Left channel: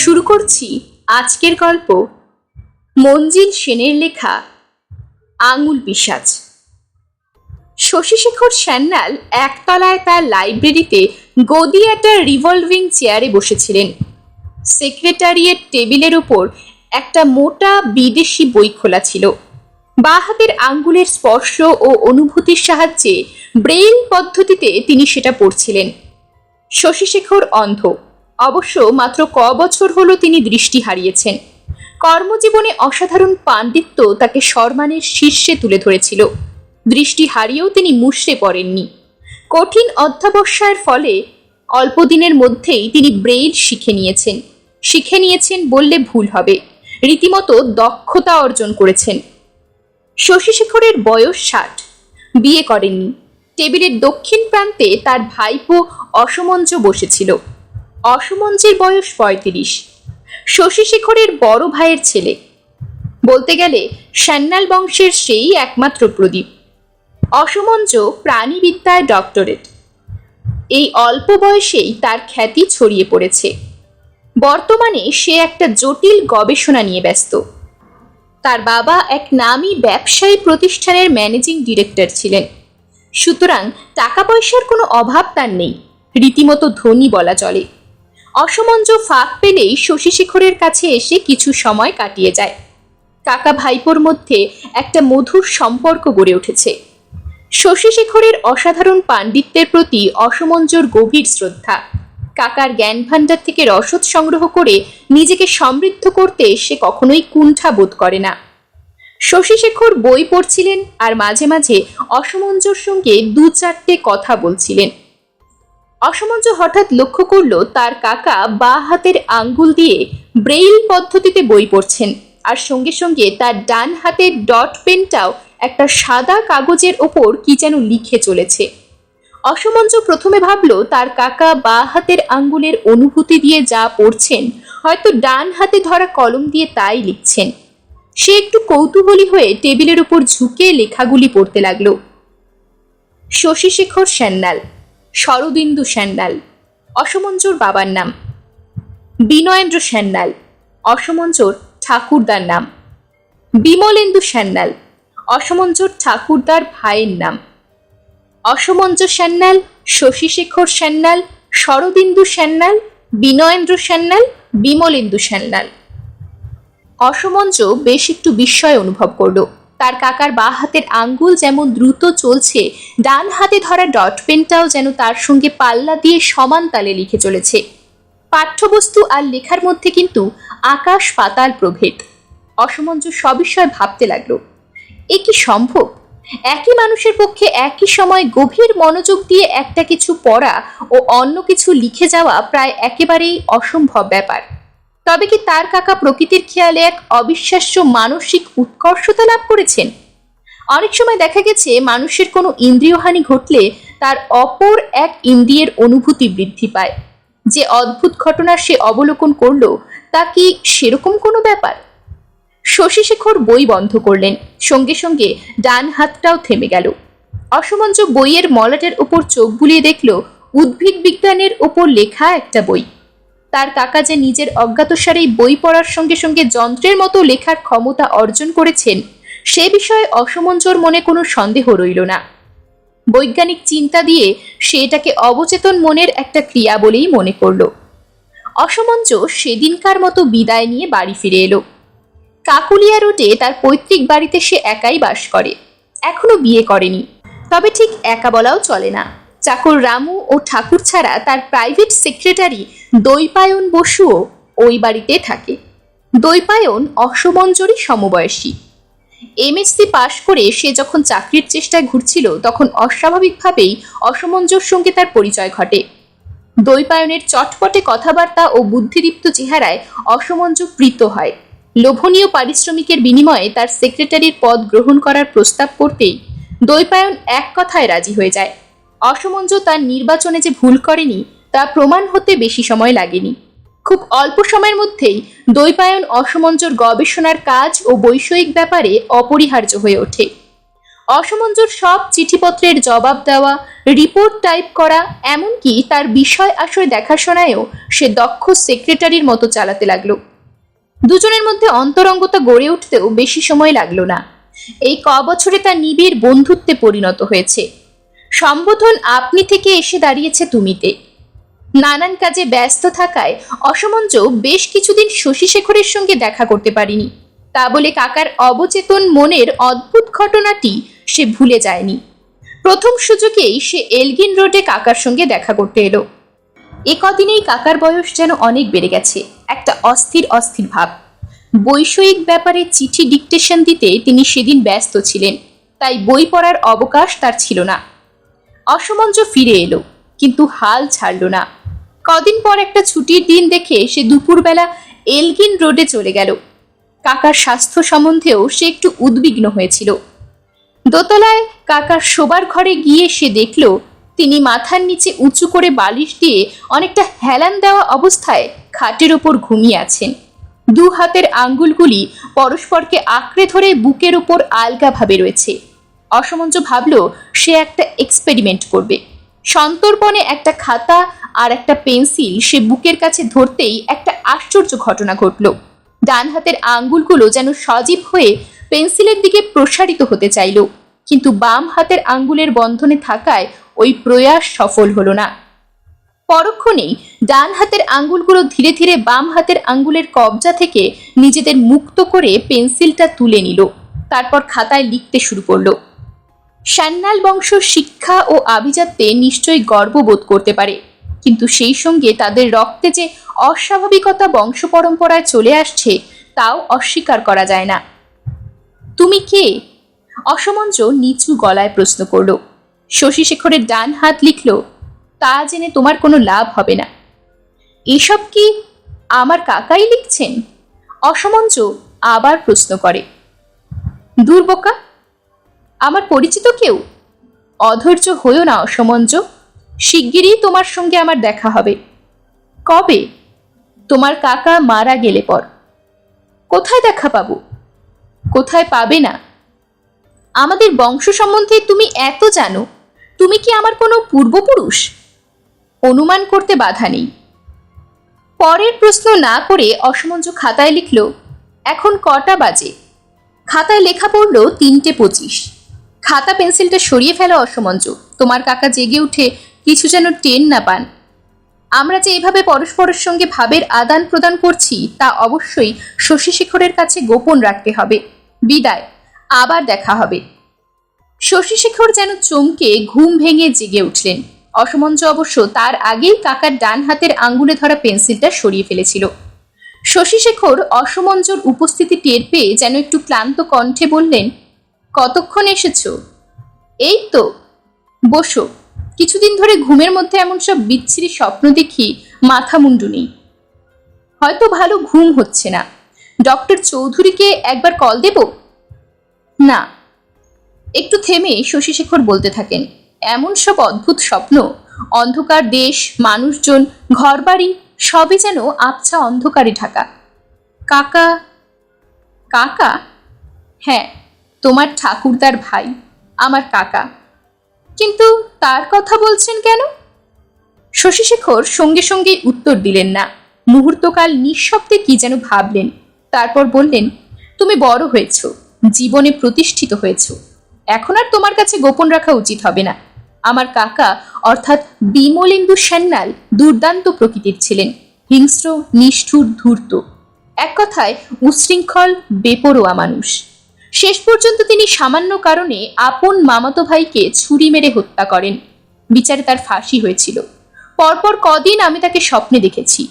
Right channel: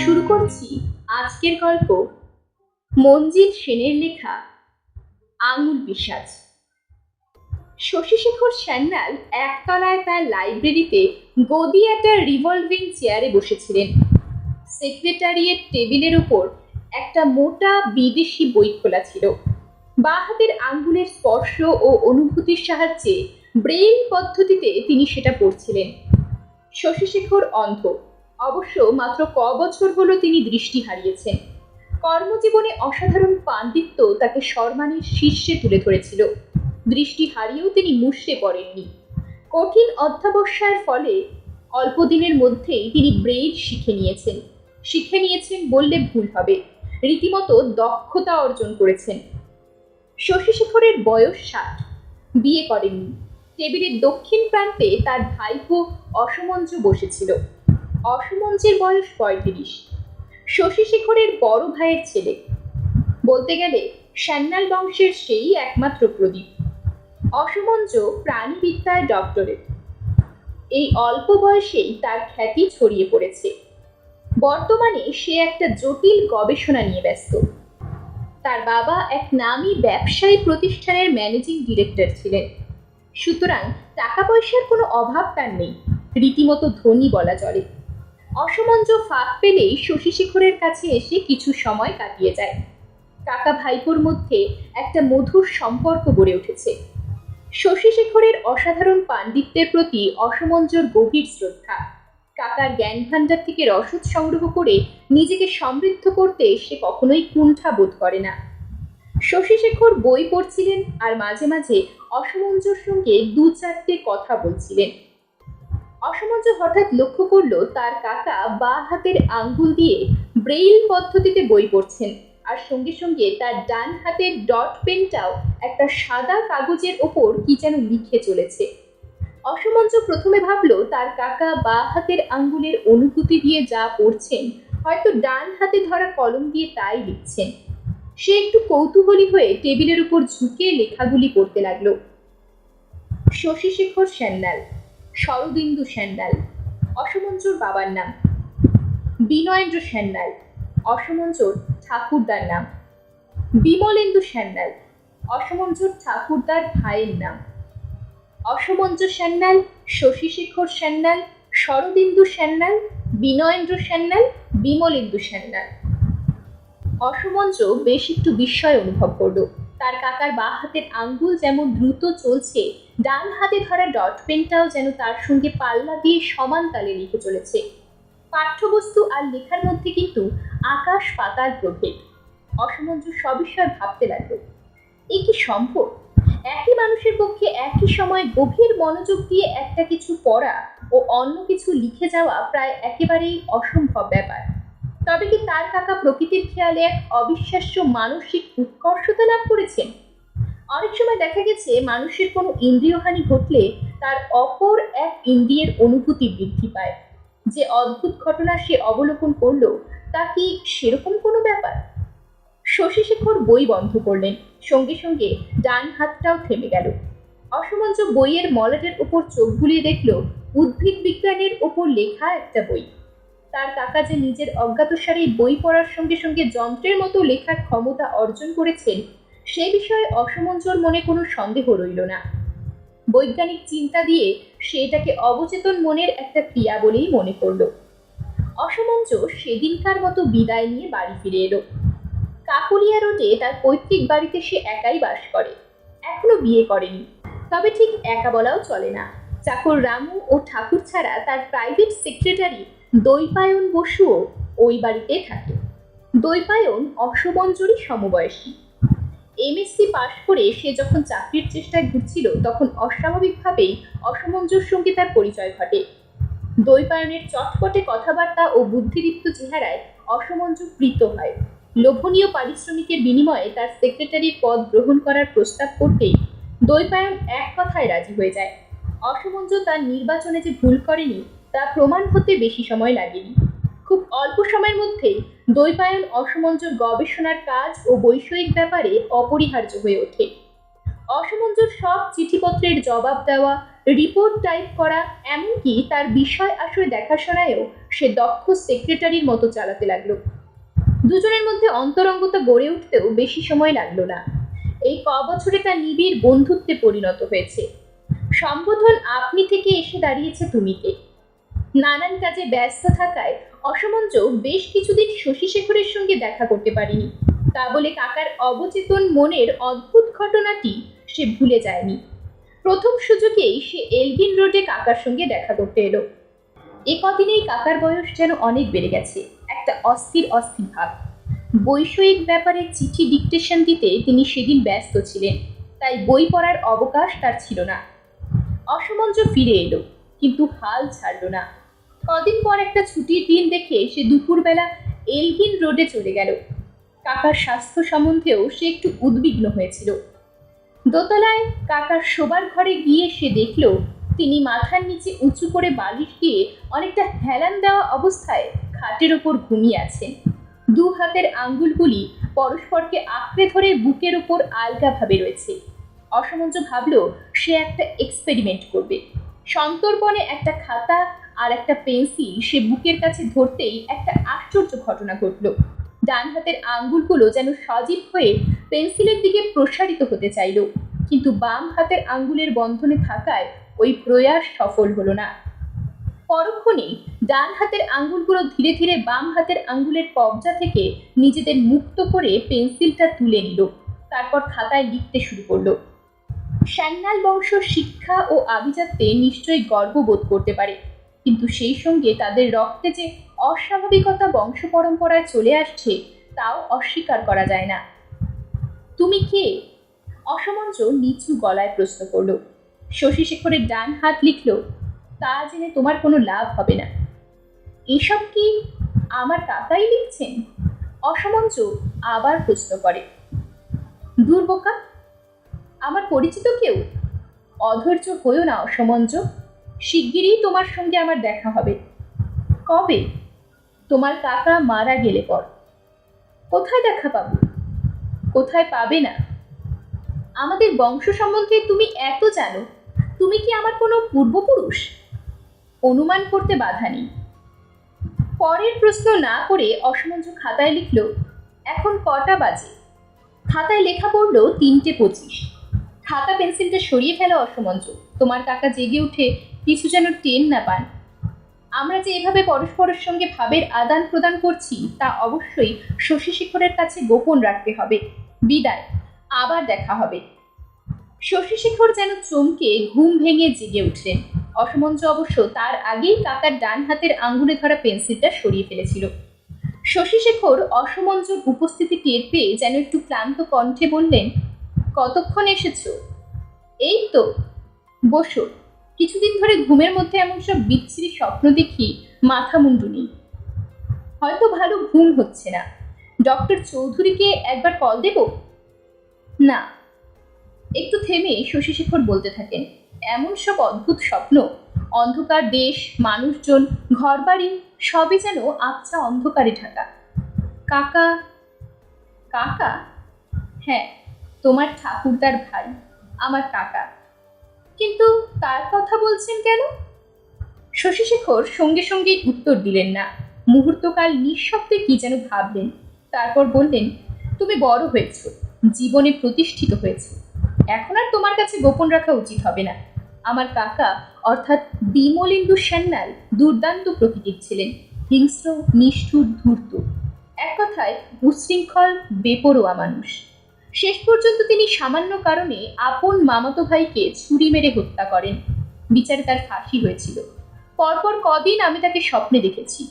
শুরু করছি আজকের গল্প মঞ্জিল সেনের লেখা আঙুল পিশাচ। শশীশেখর সান্যাল একতলায় তার লাইব্রেরিতে গদি একটা রিভলভিং চেয়ারে বসেছিলেন। সেক্রেটারিয়েট টেবিলের উপর একটা মোটা বিদেশি বই খোলা ছিল। বাঁ হাতের আঙ্গুলের স্পর্শ ও অনুভূতির সাহায্যে ব্রেইল পদ্ধতিতে তিনি সেটা পড়ছিলেন। শশীশেখর অন্ধ, অবশ্য মাত্র বছর হলো তিনি দৃষ্টি হারিয়েছেন। কর্মজীবনে অসাধারণ পাণ্ডিত্য তাকে সম্মানের শীর্ষে তুলে ধরেছিল। দৃষ্টি হারিয়েও তিনি মুষড়ে পড়েননি। কঠিন অধ্যবসায়ের ফলে অল্প দিনের মধ্যেই তিনি ব্রেইল শিখে নিয়েছেন বললে ভুল হবে, রীতিমতো দক্ষতা অর্জন করেছেন। শশীশেখরের বয়স 60, বিয়ে করেননি। টেবিলের দক্ষিণ প্রান্তে তার ভাইপো অসমঞ্জ বসেছিল। অসমঞ্জের বয়স 35, শশীশেখরের বড় ভাইয়ের ছেলে। বলতে গেলে সান্যাল বংশের সেই একমাত্র প্রদীপ। অসমঞ্জ প্রাণীবিদ্যায় ডক্টরেট। এই অল্প বয়সেই তার খ্যাতি ছড়িয়ে পড়েছে। বর্তমানে সে একটা জটিল গবেষণা নিয়ে ব্যস্ত। তার বাবা এক নামী ব্যবসায়ী প্রতিষ্ঠানের ম্যানেজিং ডিরেক্টর ছিলেন, সুতরাং টাকা পয়সার কোনো অভাব তার নেই। রীতিমতো ধনী বলা চলে। অসমঞ্জ ফাঁক পেলেই শশীশেখরের কাছে এসে কিছু সময় কাটিয়ে যায়। কাকা ভাইপোর মধ্যে একটা মধুর সম্পর্ক গড়ে উঠেছে। শশীশেখরের অসাধারণ পাণ্ডিত্যের প্রতি অসমঞ্জর গভীর শ্রদ্ধা। কাকার জ্ঞান ভাণ্ডার থেকে রসদ সংগ্রহ করে নিজেকে সমৃদ্ধ করতে সে কখনোই কুণ্ঠা বোধ করে না। শশীশেখর বই পড়ছিলেন আর মাঝে মাঝে অসমঞ্জর সঙ্গে 2-4টে কথা বলছিলেন। অসমঞ্জ হঠাৎ লক্ষ্য করল তার কাকা বাঁ হাতের আঙ্গুল দিয়ে ব্রেইল পদ্ধতিতে বই পড়ছেন, আর সঙ্গে সঙ্গে তার ডান হাতের ডট পেনটাও একটা সাদা কাগজের ওপর কি যেন লিখে চলেছে। অসমঞ্জ প্রথমে ভাবল তার কাকা বাঁ হাতের আঙ্গুলের অনুভূতি দিয়ে যা পড়ছেন, হয়তো ডান হাতে ধরা কলম দিয়ে তাই লিখছেন। সে একটু কৌতূহলী হয়ে টেবিলের উপর ঝুঁকে লেখাগুলি পড়তে লাগলো। শশীশেখর সান্যাল, শরদিন্দু সান্যাল অসমঞ্জর বাবার নাম। বিনয়েন্দ্র সান্যাল, অসমঞ্জর ঠাকুরদার নাম। বিমলেন্দু সান্যাল, অসমঞ্জর ঠাকুরদার ভাইয়ের নাম। অসমঞ্জ সান্যাল, শশীশেখর সান্যাল, শরদিন্দু সান্যাল, বিনয়েন্দ্র সান্যাল, বিমলেন্দু সান্যাল। অসমঞ্জ বেশ একটু বিস্ময় অনুভব করল। তার কাকার বাঁ হাতের আঙ্গুল যেমন দ্রুত চলছে, ডান হাতে ধরা ডট পেনটাও যেন তার সঙ্গে পাল্লা দিয়ে সমান তালে লিখে চলেছে। পাঠ্যবস্তু আর লেখার মধ্যে কিন্তু আকাশ পাতাল প্রভেদ। অসমঞ্জ সবিষয়ে ভাবতে লাগলো, এ কি সম্ভব? একই মানুষের পক্ষে একই সময় গভীর মনোযোগ দিয়ে একটা কিছু পড়া ও অন্য কিছু লিখে যাওয়া প্রায় একেবারেই অসম্ভব ব্যাপার। তবে কি তার কাকা প্রকৃতির খেয়ালে এক অবিশ্বাস্য মানসিক উৎকর্ষতা লাভ করেছেন? অনেক সময় দেখা গেছে মানুষের কোনো ইন্দ্রিয়হানি ঘটলে তার অপর এক ইন্দ্রিয়ের অনুভূতি বৃদ্ধি পায়। যে অদ্ভুত ঘটনা সে অবলোকন করল, তা কি সেরকম কোনো ব্যাপার? শশীশেখর বই বন্ধ করলেন, সঙ্গে সঙ্গে ডান হাতটাও থেমে গেল। অসমঞ্জ বইয়ের মলাটের উপর চোখ বুলিয়ে দেখল উদ্ভিদ বিজ্ঞানের উপর লেখা একটা বই। তার কাকা যে নিজের অজ্ঞাতসারেই বই পড়ার সঙ্গে সঙ্গে যন্ত্রের মতো লেখার ক্ষমতা অর্জন করেছেন, সে বিষয়ে অসমঞ্জর মনে কোনো সন্দেহ রইল না। বৈজ্ঞানিক চিন্তা দিয়ে সে এটাকে অবচেতন মনের একটা ক্রিয়া বলেই মনে করল। অসমঞ্জ সেদিনকার মতো বিদায় নিয়ে বাড়ি ফিরে এলো। কাকুলিয়া রোডে তার পৈতৃক বাড়িতে সে একাই বাস করে। এখনো বিয়ে করেনি, তবে ঠিক একা বলাও চলে না। চাকর রামু ও ঠাকুর ছাড়া তার প্রাইভেট সেক্রেটারি দৈপায়ন বসুও ওই বাড়িতে থাকে। দৈপায়ন অসমঞ্জরই সমবয়সী। এমএসসি পাশ করে সে যখন চাকরির চেষ্টায় ঘুরছিল, তখন অস্বাভাবিকভাবেই অসমঞ্জর সঙ্গে তার পরিচয় ঘটে। দৈপায়নের চটপটে কথাবার্তা ও বুদ্ধিদীপ্ত চেহারায় অসমঞ্জ প্রীত হয়। লোভনীয় পারিশ্রমিকের বিনিময়ে তার সেক্রেটারির পদ গ্রহণ করার প্রস্তাব করতেই দৈপায়ন এক কথায় রাজি হয়ে যায়। অসমঞ্জ তার নির্বাচনে যে ভুল করেনি তা প্রমাণ হতে বেশি সময় লাগেনি। খুব অল্প সময়ের মধ্যেই দৈপায়ন অসমঞ্জর গবেষণার কাজ ও বৈষয়িক ব্যাপারে অপরিহার্য হয়ে ওঠে। অসমঞ্জুর সব চিঠিপত্রের জবাব দেওয়া, রিপোর্ট টাইপ করা, এমনকি তার বিষয় আশয় দেখাশোনায়ও সে দক্ষ সেক্রেটারির মতো চালাতে লাগলো। দুজনের মধ্যে অন্তরঙ্গতা গড়ে উঠতেও বেশি সময় লাগলো না। এই বছরে তা নিবিড় বন্ধুত্বে পরিণত হয়েছে। সম্বোধন আপনি থেকে এসে দাঁড়িয়েছে তুমিতে। নানান কাজে ব্যস্ত থাকায় অসমঞ্জ বেশ কিছুদিন শশীশেখরের সঙ্গে দেখা করতে পারিনি। তা বলে কাকার অবচেতন মনের অদ্ভুত ঘটনাটি সে ভুলে যায়নি। প্রথম সুযোগেই সে এলগিন রোডে কাকার সঙ্গে দেখা করতে এলো। এ কদিনেই কাকার বয়স যেন অনেক বেড়ে গেছে, একটা অস্থির অস্থির ভাব। বৈষয়িক ব্যাপারে চিঠি ডিকটেশন দিতে তিনি সেদিন ব্যস্ত ছিলেন, তাই বই পড়ার অবকাশ তার ছিল না। অসমঞ্জ ফিরে এলো, কিন্তু হাল ছাড়ল না। কদিন পর একটা ছুটির দিন দেখে সে দুপুরবেলা এলগিন রোডে চলে গেল। কাকার স্বাস্থ্য সম্বন্ধেও সে একটু উদ্বিগ্ন হয়েছিল। দোতলায় কাকার শোবার ঘরে গিয়ে সে দেখল তিনি মাথার নিচে উঁচু করে বালিশ দিয়ে অনেকটা হেলান দেওয়া অবস্থায় খাটের ওপর ঘুমিয়ে আছেন। দু হাতের আঙ্গুলগুলি পরস্পরকে আঁকড়ে ধরে বুকের ওপর আলগাভাবে রয়েছে। অসমঞ্জ ভাবল সে একটা এক্সপেরিমেন্ট করবে। সন্তর্পণে একটা খাতা আর একটা পেন্সিল সে বুকের কাছে ধরতেই একটা আশ্চর্য ঘটনা ঘটল। ডান হাতের আঙ্গুলগুলো যেন সজীব হয়ে পেন্সিলের দিকে প্রসারিত হতে চাইল, কিন্তু বাম হাতের আঙ্গুলের বন্ধনে থাকায় ওই প্রয়াস সফল হলো না। পরক্ষণেই ডান হাতের আঙ্গুলগুলো ধীরে ধীরে বাম হাতের আঙ্গুলের কবজা থেকে নিজেদের মুক্ত করে পেন্সিলটা তুলে নিল। তারপর খাতায় লিখতে শুরু করলো। সান্যাল বংশ শিক্ষা ও আভিজাত্যে নিশ্চয়ই গর্ববোধ করতে পারে, কিন্তু সেই সঙ্গে তাদের রক্তে যে অস্বাভাবিকতা বংশ পরম্পরায় চলে আসছে তাও অস্বীকার করা যায় না। তুমি কে? অসমঞ্জ নিচু গলায় প্রশ্ন করল। শশীশেখরের ডান হাত লিখল, তা জেনে তোমার কোনো লাভ হবে না। এসব কি আমার কাকাই লিখছেন? অসমঞ্জ আবার প্রশ্ন করে। দূর বোকা, আমার পরিচিত কেউ? অধৈর্য হইও না অসমঞ্জ, শিগগিরই তোমার সঙ্গে আমার দেখা হবে। কবে? তোমার কাকা মারা গেলে পর। কোথায় দেখা পাবো? কোথায় পাবে না? আমাদের বংশ সম্বন্ধে তুমি এত জানো, তুমি কি আমার কোনো পূর্বপুরুষ? অনুমান করতে বাধা নেই। পরের প্রশ্ন না করে অসমঞ্জ খাতায় লিখল, এখন কটা বাজে? খাতায় লেখা পড়ল 3:25। খাতা পেন্সিলটা সরিয়ে ফেলো অসমঞ্জ, তোমার কাকা জেগে উঠে কিছু যেন টেন না পান। আমরা যে এভাবে পরস্পরের সঙ্গে ভাবের আদান প্রদান করছি তা অবশ্যই শশীশেখরের কাছে গোপন রাখতে হবে। বিদায়, আবার দেখা হবে। শশীশেখর যেন চমকে ঘুম ভেঙে জেগে উঠলেন। অসমঞ্জ অবশ্য তার আগেই কাকার ডান হাতের আঙ্গুলে ধরা পেন্সিলটা সরিয়ে ফেলেছিল। শশীশেখর অসমঞ্জর উপস্থিতি টের পেয়ে যেন একটু ক্লান্ত কণ্ঠে বললেন, কতক্ষণ এসেছ? এই তো, বসো। কিছুদিন ধরে ঘুমের মধ্যে এমন সব বিচ্ছিরি স্বপ্ন দেখি, মাথা মুন্ডু নেই। হয়তো ভালো ঘুম হচ্ছে না। ডক্টর চৌধুরীকে একবার কল দেব? না। একটু থেমে শশীশেখর বলতে থাকেন, এমন সব অদ্ভুত স্বপ্ন, অন্ধকার দেশ, মানুষজন, ঘরবাড়ি সবই যেন আবছা অন্ধকারে ঢাকা। কাকা? কাকা? হ্যাঁ, তোমার ঠাকুরদার ভাই, আমার কাকা। কিন্তু তার কথা বলছেন কেন? শশীশেখর সঙ্গে সঙ্গে উত্তর দিলেন না। মুহূর্তকাল নিঃশব্দে কি যেন ভাবলেন, তারপর বললেন, তুমি বড় হয়েছ, জীবনে প্রতিষ্ঠিত হয়েছ, এখন আর তোমার কাছে গোপন রাখা উচিত হবে না। আমার কাকা অর্থাৎ বিমলেন্দু সান্যাল দুর্দান্ত প্রকৃতির ছিলেন, হিংস্র, নিষ্ঠুর, ধূর্ত, এক কথায় উচ্ছৃঙ্খল, বেপরোয়া মানুষ। শেষ পর্যন্ত তিনি সামান্য কারণে আপন মামাতো ভাইকে ছুরি মেরে হত্যা করেন। বিচারে তার ফাঁসি হয়েছিল। পরপর কদিন আমি তাকে স্বপ্নে দেখেছি।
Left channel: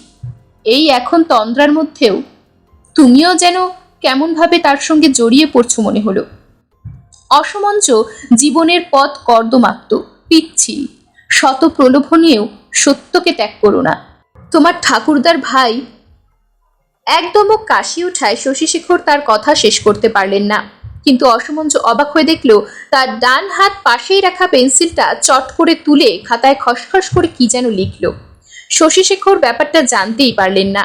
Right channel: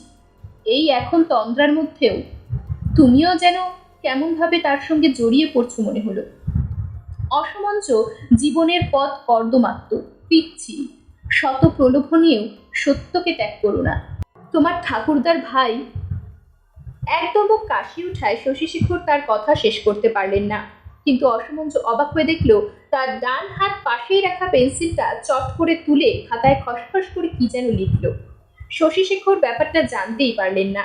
এই এখন তন্দ্রার মধ্যেও তুমিও যেন কেমনভাবে তার সঙ্গে জড়িয়ে পড়ছো মনে হলো। অসমঞ্জ জীবনের পথ কর্দমাক্ত, পিচ্ছিল, শত প্রলোভনীয় সত্যকে ত্যাগ করো না। তোমার ঠাকুরদার ভাই। একদম কাশি উঠায় শশীশেখর তার কথা শেষ করতে পারলেন না, কিন্তু অসমঞ্জ অবাক হয়ে দেখল তার ডান হাত পাশেই রাখা পেন্সিলটা চট করে তুলে খাতায় খসখস করে কি যেন লিখল। শশীশেখর ব্যাপারটা জানতেই পারলেন না।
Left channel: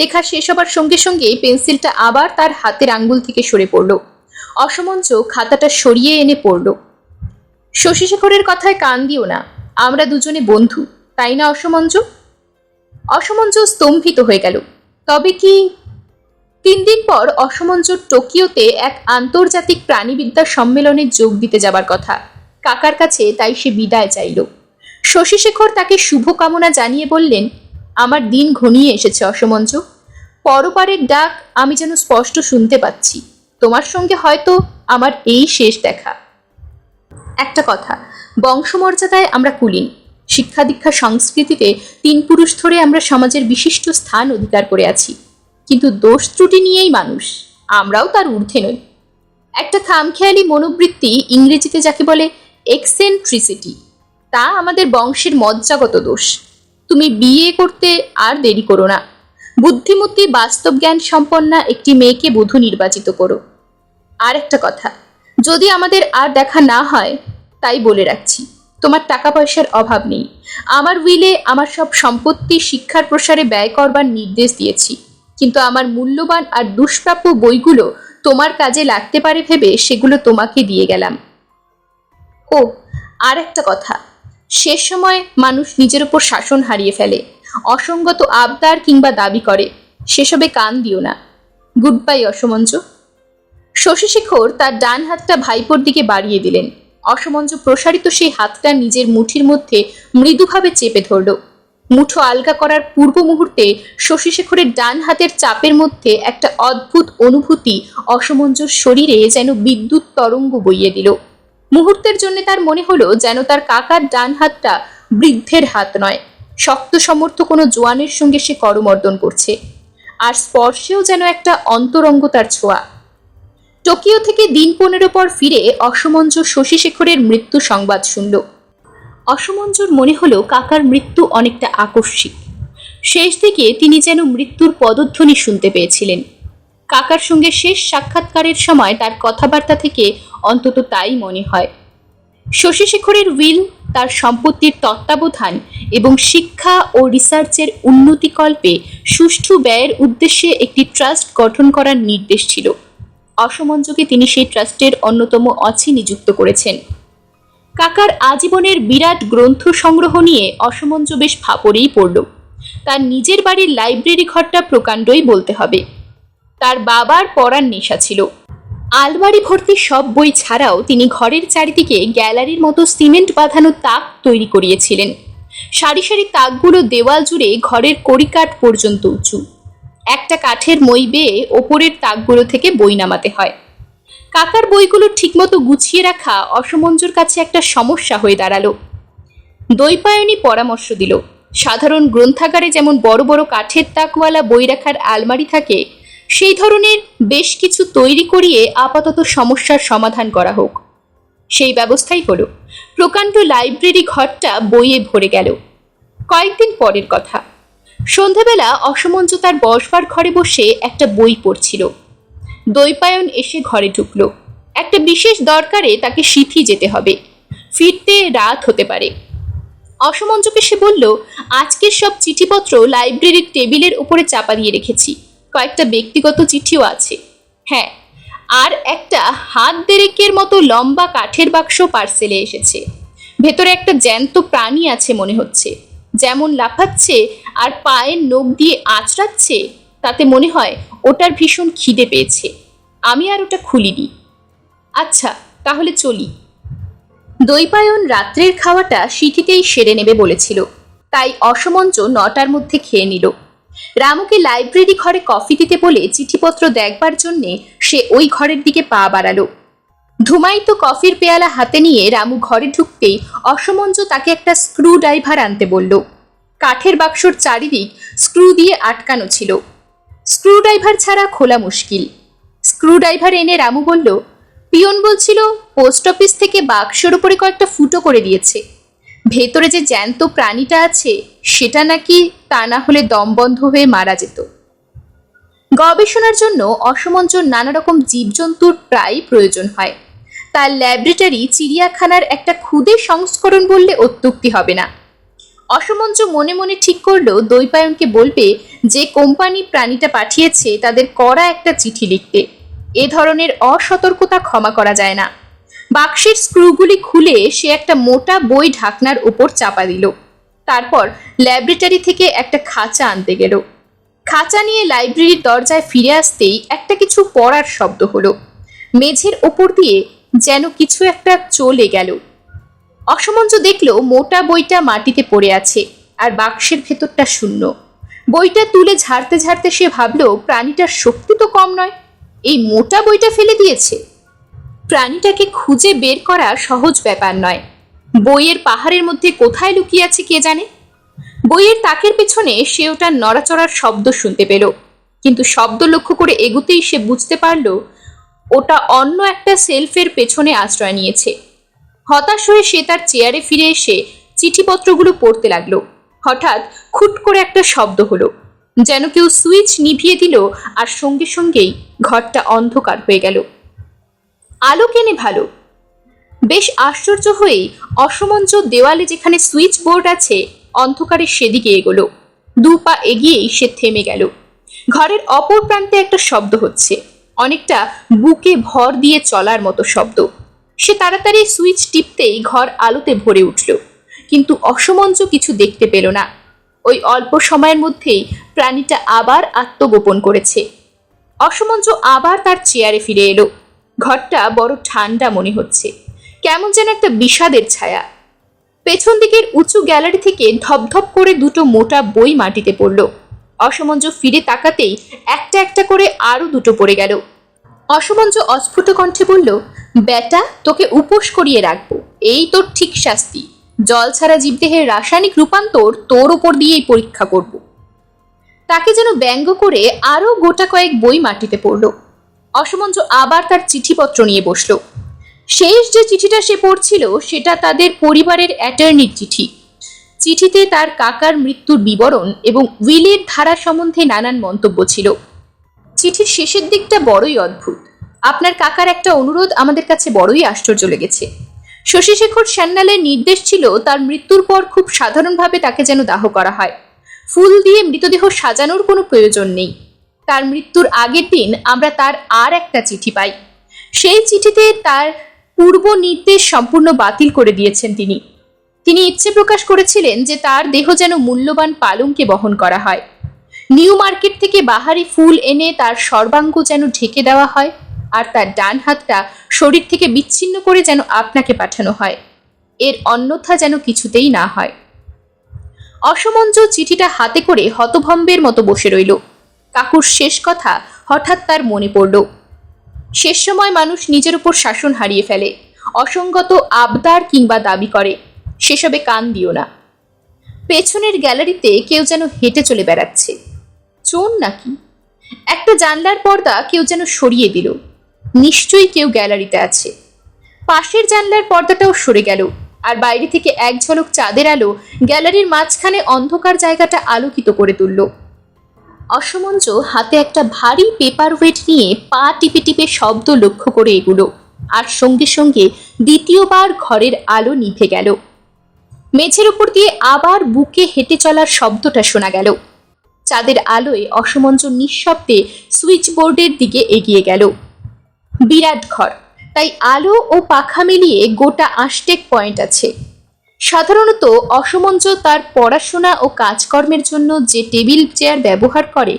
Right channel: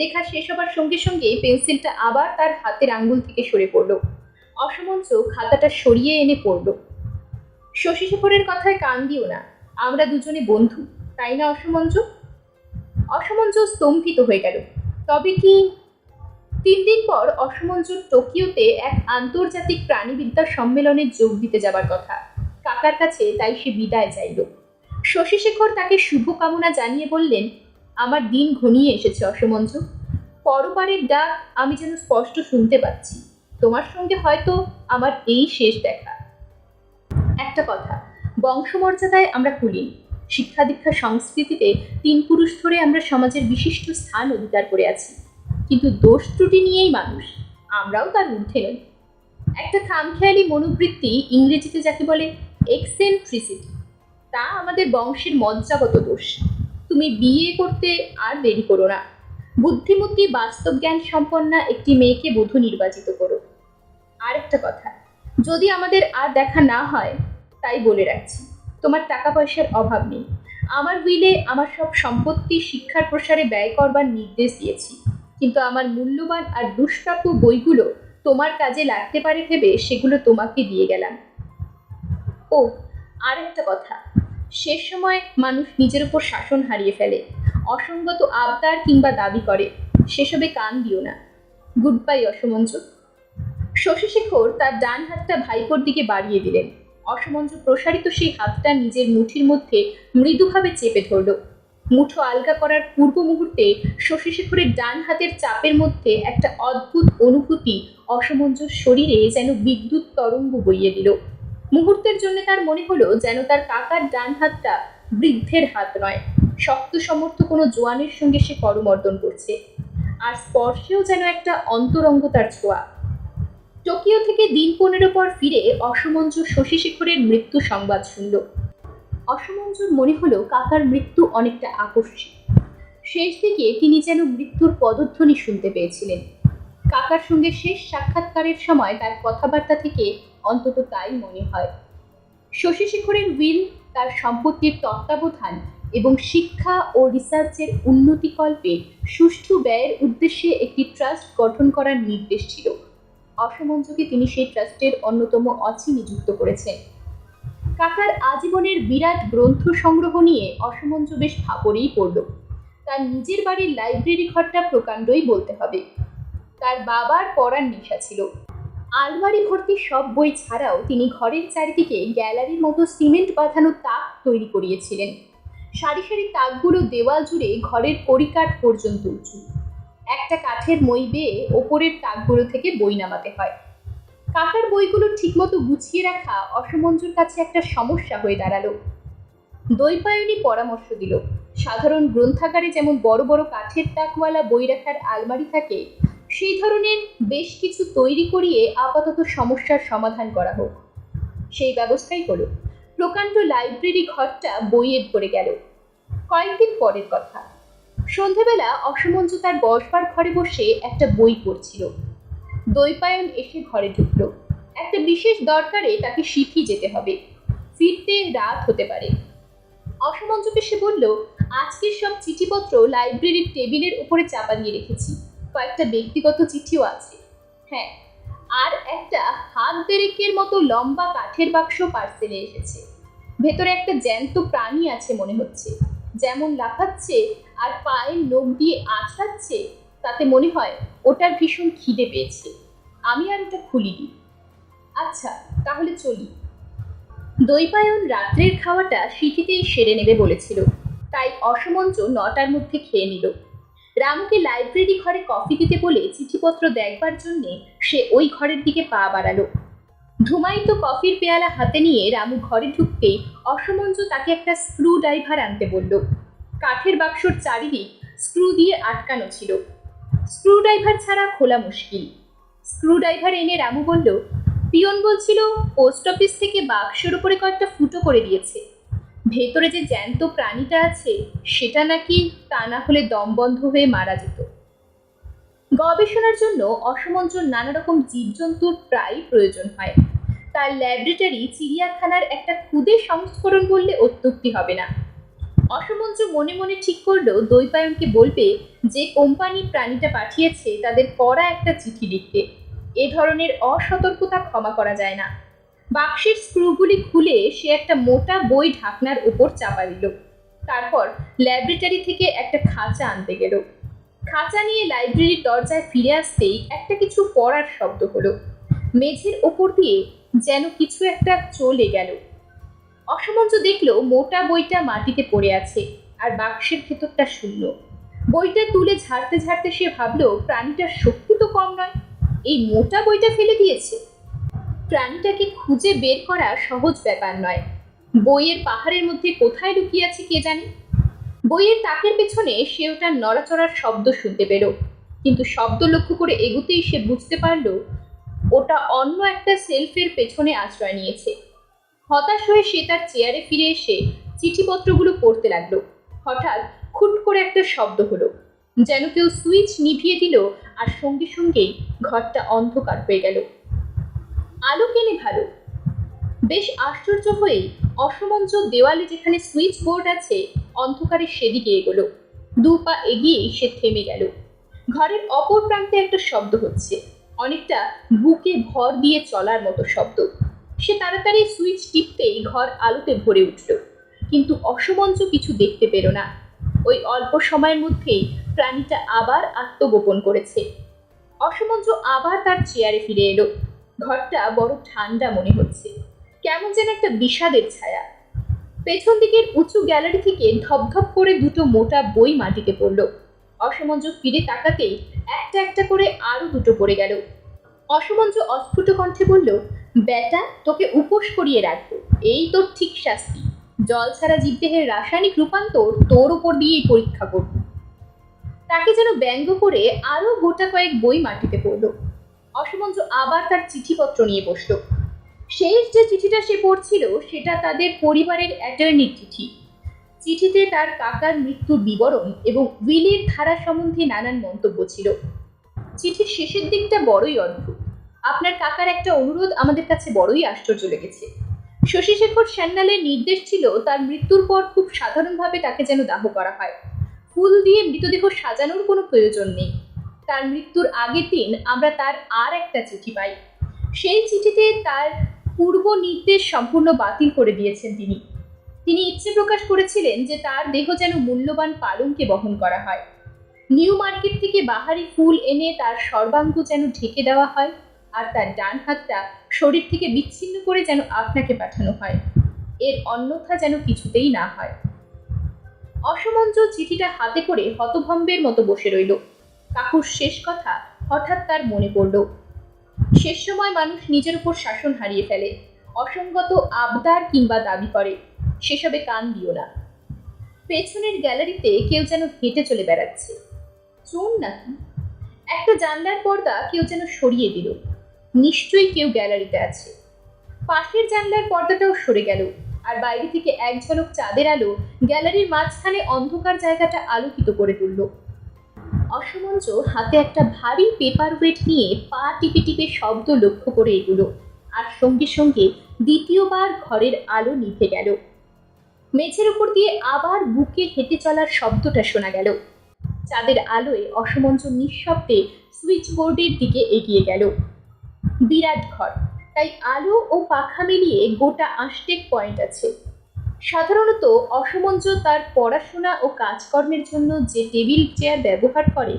লেখা শেষ হবার সঙ্গে সঙ্গে পেন্সিলটা আবার তার হাতের আঙ্গুল থেকে সরে পড়ল। অসমঞ্চ খাতাটা সরিয়ে এনে পড়ল। শশীশেখরের কথায় কান দিও না, আমরা দুজনে বন্ধু, তাই না অসমঞ্চ? অসমঞ্চ স্তম্ভিত হয়ে গেল। তবে কি? 3 দিন পর অসমঞ্চর টোকিওতে এক আন্তর্জাতিক প্রাণীবিদ্যা সম্মেলনে যোগ দিতে যাবার কথা। কাকার কাছে তাই সে বিদায় চাইল। শশীশেখর তাকে শুভকামনা জানিয়ে বললেন, আমার দিন ঘনিয়ে এসেছে অসমঞ্চ। পরপারের ডাক আমি যেন স্পষ্ট শুনতে পাচ্ছি। তোমার সঙ্গে হয়তো আমার এই শেষ দেখা। একটা কথা, বংশমর্যাদায় আমরা কুলীন, শিক্ষা দীক্ষা সংস্কৃতিতে 3 পুরুষ ধরে আমরা সমাজের বিশিষ্ট স্থান অধিকার করে আছি, কিন্তু দোষ ত্রুটি নিয়েই মানুষ, আমরাও তার ঊর্ধ্বে নই। একটা খামখেয়ালি মনোবৃত্তি, ইংরেজিতে যাকে বলে এক্সেন্ট্রিসিটি, তা আমাদের বংশের মজ্জাগত দোষ। তুমি বিয়ে করতে আর দেরি করো না, বুদ্ধিমতী বাস্তব জ্ঞান সম্পন্না একটি মেয়েকে বধূ নির্বাচিত করো। আর একটা কথা, যদি আমাদের আর দেখা না হয়, তাই বলে রাখছি, তোমার টাকা পয়সার অভাব নেই। আমার উইলে আমার সব সম্পত্তি শিক্ষার প্রসারে ব্যয় করবার নির্দেশ দিয়েছি, কিন্তু আমার মূল্যবান আর দুষ্প্রাপ্য বইগুলো তোমার কাজে লাগতে পারে ভেবে সেগুলো তোমাকে দিয়ে গেলাম। ও, আর একটা কথা, শেষ সময় মানুষ নিজের ওপর শাসন হারিয়ে ফেলে, অসঙ্গত আবদার কিংবা দাবি করে, সেসবে কান দিও না। Good bye অসমঞ্চ। শশীশেখর তার ডান হাতটা ভাইপোর দিকে বাড়িয়ে দিলেন। অসমঞ্চ প্রসারিত সেই হাতটা নিজের মুঠির মধ্যে মৃদুভাবে চেপে ধরল। মুঠো আলগা করার পূর্ব মুহূর্তে শশীশেখরের ডান হাতের চাপের মধ্যে একটা অদ্ভুত অনুভূতি অসমঞ্চর শরীরে যেন বিদ্যুৎ তরঙ্গ বইয়ে দিল। মুহূর্তের জন্য তার মনে হলো যেন তার কাকার ডান হাতটা বৃদ্ধের হাত নয়, শক্ত সমর্থ কোনো জোয়ানের সঙ্গে সে করমর্দন করছে, আর স্পর্শেও যেন একটা অন্তরঙ্গতার ছোঁয়া। টোকিও থেকে দিন 15 পর ফিরে অসমঞ্চ শশীশেখরের মৃত্যু সংবাদ শুনল। অসমঞ্চর মনে হলো কাকার মৃত্যু অনেকটা আকস্মিক। শেষ দিকে তিনি যেন মৃত্যুর পদধ্বনি শুনতে পেয়েছিলেন। কাকার সঙ্গে শেষ সাক্ষাৎকারের সময় তার কথাবার্তা থেকে অন্তত তাই মনে হয়। শশীশেখরের উইল, তার সম্পত্তির তত্ত্বাবধান এবং শিক্ষা ও রিসার্চের উন্নতিকল্পে সুষ্ঠু ব্যয়ের উদ্দেশ্যে একটি ট্রাস্ট গঠন করার নির্দেশ ছিল। অসমঞ্চকে তিনি সেই ট্রাস্টের অন্যতম অছি নিযুক্ত করেছেন। কাকার আজীবনের বিরাট গ্রন্থ সংগ্রহ নিয়ে অসমঞ্চ বেশ ফাপড়েই পড়ল। তার নিজের বাড়ির লাইব্রেরি ঘরটা প্রকাণ্ডই বলতে হবে। তার বাবার পড়ার নেশা ছিল। আলমারি ভর্তি সব বই ছাড়াও তিনি ঘরের চারিদিকে গ্যালারির মতো সিমেন্ট বাঁধানো তাক তৈরি করিয়েছিলেন। সারি সারি তাকগুলো দেওয়াল জুড়ে ঘরের কড়িকাঠ পর্যন্ত উঁচু। একটা কাঠের মই বেয়ে ওপরের তাকগুলো থেকে বই নামাতে হয়। কাকার বইগুলো ঠিকমতো গুছিয়ে রাখা অসমঞ্চর কাছে একটা সমস্যা হয়ে দাঁড়ালো। দ্বৈপায়নী পরামর্শ দিল, সাধারণ গ্রন্থাগারে যেমন বড় বড় কাঠের তাকওয়ালা বই রাখার আলমারি থাকে, সেই ধরনের বেশ কিছু তৈরি করিয়ে আপাতত সমস্যার সমাধান করা হোক। সেই ব্যবস্থাই হলো। প্রকাণ্ড লাইব্রেরি ঘরটা বইয়ে ভরে গেল। কয়েকদিন পরের কথা, সন্ধেবেলা অসমঞ্চ তার বসবার ঘরে বসে একটা বই পড়ছিল। দ্বৈপায়ন এসে ঘরে ঢুকল। একটা বিশেষ দরকারে তাকে সিথি যেতে হবে, ফিরতে রাত হতে পারে। অসমঞ্চকে সে বলল, আজকের সব চিঠিপত্র লাইব্রেরির টেবিলের উপরে চাপা দিয়ে রেখেছি, কয়েকটা ব্যক্তিগত চিঠিও আছে। হ্যাঁ, আর একটা হাত দেড়েকের মতো লম্বা কাঠের বাক্স পার্সেলে এসেছে। ভেতরে একটা জ্যান্ত প্রাণী আছে মনে হচ্ছে, যেমন লাফাচ্ছে আর পায়ের নখ দিয়ে আঁচড়াচ্ছে, তাতে মনে হয় ওটার ভীষণ খিদে পেয়েছে। আমি আর ওটা খুলিনি। আচ্ছা, তাহলে চলি। দ্বৈপায়ন রাত্রের খাওয়াটা সিথিতেই সেরে নেবে বলেছিল, তাই অসমঞ্চ 9টার মধ্যে খেয়ে নিল। রামুকে লাইব্রেরি ঘরে কফি দিতে বলে চিঠিপত্র দেখবার জন্যে সে ওই ঘরের দিকে পা বাড়ালো। ধুমায়িত কফির পেয়ালা হাতে নিয়ে রামু ঘরে ঢুকতেই অসমঞ্চ তাকে একটা স্ক্রু ড্রাইভার আনতে বলল। কাঠের বাক্সর চারিদিক স্ক্রু দিয়ে আটকানো ছিল, স্ক্রু ড্রাইভার ছাড়া খোলা মুশকিল। স্ক্রু ড্রাইভার এনে রামু বলল, পিয়ন বলছিল পোস্ট অফিস থেকে বাক্সর উপরে কয়েকটা ফুটো করে দিয়েছে, ভেতরে যে জ্যান্ত প্রাণীটা আছে সেটা নাকি তা না হলে দম বন্ধ হয়ে মারা যেত। গবেষণার জন্য অসমঞ্চর নানা রকম জীবজন্তুর প্রায় প্রয়োজন হয়। তার ল্যাবরেটরি চিড়িয়াখানার একটা ক্ষুদে সংস্করণ বললে অত্যুক্তি হবে না। অসমঞ্চ মনে মনে ঠিক করলো দ্বৈপায়নকে বলবে যে কোম্পানি প্রাণীটা পাঠিয়েছে তাদের কড়া একটা চিঠি লিখতে। এ ধরনের অসতর্কতা ক্ষমা করা যায় না। বাক্সের স্ক্রুগুলি খুলে সে একটা মোটা বই ঢাকনার উপর চাপা দিল। তারপর ল্যাবরেটরি থেকে একটা খাঁচা আনতে গেল। খাঁচা নিয়ে লাইব্রেরির দরজায় ফিরে আসতেই একটা কিছু পড়ার শব্দ হলো। মেঝের ওপর দিয়ে যেন কিছু একটা চলে গেল। অসমঞ্জ দেখল মোটা বইটা মাটিতে পড়ে আছে আর বাক্সের ভেতরটা শূন্য। বইটা তুলে ঝাড়তে ঝাড়তে সে ভাবল, প্রাণীটার শক্তি তো কম নয়, এই মোটা বইটা ফেলে দিয়েছে। প্রাণীটাকে খুঁজে বের করা সহজ ব্যাপার নয়। বইয়ের পাহাড়ের মধ্যে কোথায় লুকিয়ে আছে কে জানে। বইয়ের তাকের পেছনে সে ওটার নড়াচড়ার শব্দ শুনতে পেল, কিন্তু শব্দ লক্ষ্য করে এগুতেই সে বুঝতে পারল ওটা অন্য একটা সেলফের পেছনে আশ্রয় নিয়েছে। হতাশ হয়ে সে তার চেয়ারে ফিরে এসে চিঠিপত্রগুলো পড়তে লাগলো। হঠাৎ খুট করে একটা শব্দ হলো, যেন কেউ সুইচ নিভিয়ে দিল, আর সঙ্গে সঙ্গেই ঘরটা অন্ধকার হয়ে গেল। আলো কেনে ভালো। বেশ আশ্চর্য হয়েই অসমঞ্জ দেওয়ালে যেখানে সুইচ বোর্ড আছে অন্ধকারে সেদিকে এগোলো। 2 পা এগিয়েই সে থেমে গেল। ঘরের অপর প্রান্তে একটা শব্দ হচ্ছে, অনেকটা বুকে ভর দিয়ে চলার মতো শব্দ। সে তাড়াতাড়ি সুইচ টিপতেই ঘর আলোতে ভরে উঠল, কিন্তু অসমঞ্জ কিছু দেখতে পেল না। ওই অল্প সময়ের মধ্যেই প্রাণীটা আবার আত্মগোপন করেছে। অসমঞ্জ আবার তার চেয়ারে ফিরে এলো। ঘরটা বড় ঠান্ডা মনে হচ্ছে, কেমন যেন একটা বিষাদের ছায়া। পেছন দিকের উঁচু গ্যালারি থেকে ধপধপ করে 2টো মোটা বই মাটিতে পড়ল। অসমঞ্জ ফিরে তাকাতেই একটা একটা করে আরো 2টো পড়ে গেল। অসমঞ্জ অস্ফুট কণ্ঠে বলল, বেটা, তোকে উপোস করিয়ে রাখবো, এই তোর ঠিক শাস্তি। জল ছাড়া জীবদেহের রাসায়নিক রূপান্তর তোর ওপর দিয়েই পরীক্ষা করব। তাকে যেন ব্যঙ্গ করে আরো গোটা কয়েক বই মাটিতে পড়ল। অসমঞ্জ আবার তার চিঠিপত্র নিয়ে বসল। শেষ যে চিঠিটা সে পড়ছিল সেটা তাদের পরিবারের অ্যাটর্নির চিঠি। চিঠিতে তার কাকার মৃত্যুর বিবরণ এবং উইলের ধারা সম্বন্ধে নানান মন্তব্য ছিল। চিঠির শেষের দিকটা বড়ই অদ্ভুত। আপনার কাকার একটা অনুরোধ আমাদের কাছে বড়ই আশ্চর্য লেগেছে। শশীশেখর সান্যালের নির্দেশ ছিল তার মৃত্যুর পর খুব সাধারণভাবে তাকে যেন দাহ করা হয়। ফুল দিয়ে মৃতদেহ সাজানোর কোনো প্রয়োজন নেই। তার মৃত্যুর আগের দিন আমরা তার আর একটা চিঠি পাই। সেই চিঠিতে তার পূর্ব নির্দেশ সম্পূর্ণ বাতিল করে দিয়েছেন তিনি। তিনি ইচ্ছে প্রকাশ করেছিলেন যে তার দেহ যেন মূল্যবান পালঙ্কে বহন করা হয়। নিউ মার্কেট থেকে বাহারি ফুল এনে তার সর্বাঙ্গ যেন ঢেকে দেওয়া হয়, আর তার ডান হাতটা শরীর থেকে বিচ্ছিন্ন করে যেন আপনাকে পাঠানো হয়। এর অন্যথা যেন কিছুতেই না হয়। অসমঞ্জ চিঠিটা হাতে করে হতভম্বের মতো বসে রইল। কাকুর শেষ কথা হঠাৎ তার মনে পড়ল। শেষ সময় মানুষ নিজের উপর শাসন হারিয়ে ফেলে, অসঙ্গত আবদার কিংবা দাবি করে। সেসবে কান দিও না। পেছনের গ্যালারিতে কেউ যেন হেঁটে চলে বেড়াচ্ছে। চোর নাকি? একটা জানলার পর্দা কেউ যেন সরিয়ে দিল। নিশ্চয়ই কেউ গ্যালারিতে আছে। পাশের জানলার পর্দাটাও সরে গেল, আর বাইরে থেকে এক ঝলক চাঁদের আলো গ্যালারির মাঝখানে অন্ধকার জায়গাটা আলোকিত করে তুলল। অসমঞ্জ হাতে একটা ভারী পেপার ওয়েট নিয়ে পা টিপে টিপে শব্দ লক্ষ্য করে এগুলো, আর সঙ্গে সঙ্গে দ্বিতীয়বার ঘরের আলো নিভে গেল। মেঝের উপর দিয়ে আবার বুকে হেঁটে চলার শব্দটা শোনা গেল। চাঁদের আলোয় অসমঞ্জ নিঃশব্দে সুইচ বোর্ডের দিকে এগিয়ে গেল। বিরাট ঘর, তাই আলো ও পাখা মিলিয়ে গোটা 8 পয়েন্ট আছে। সাধারণত অসমঞ্জ তার পড়াশোনা ও কাজকর্মের জন্য যে টেবিল চেয়ার ব্যবহার করে,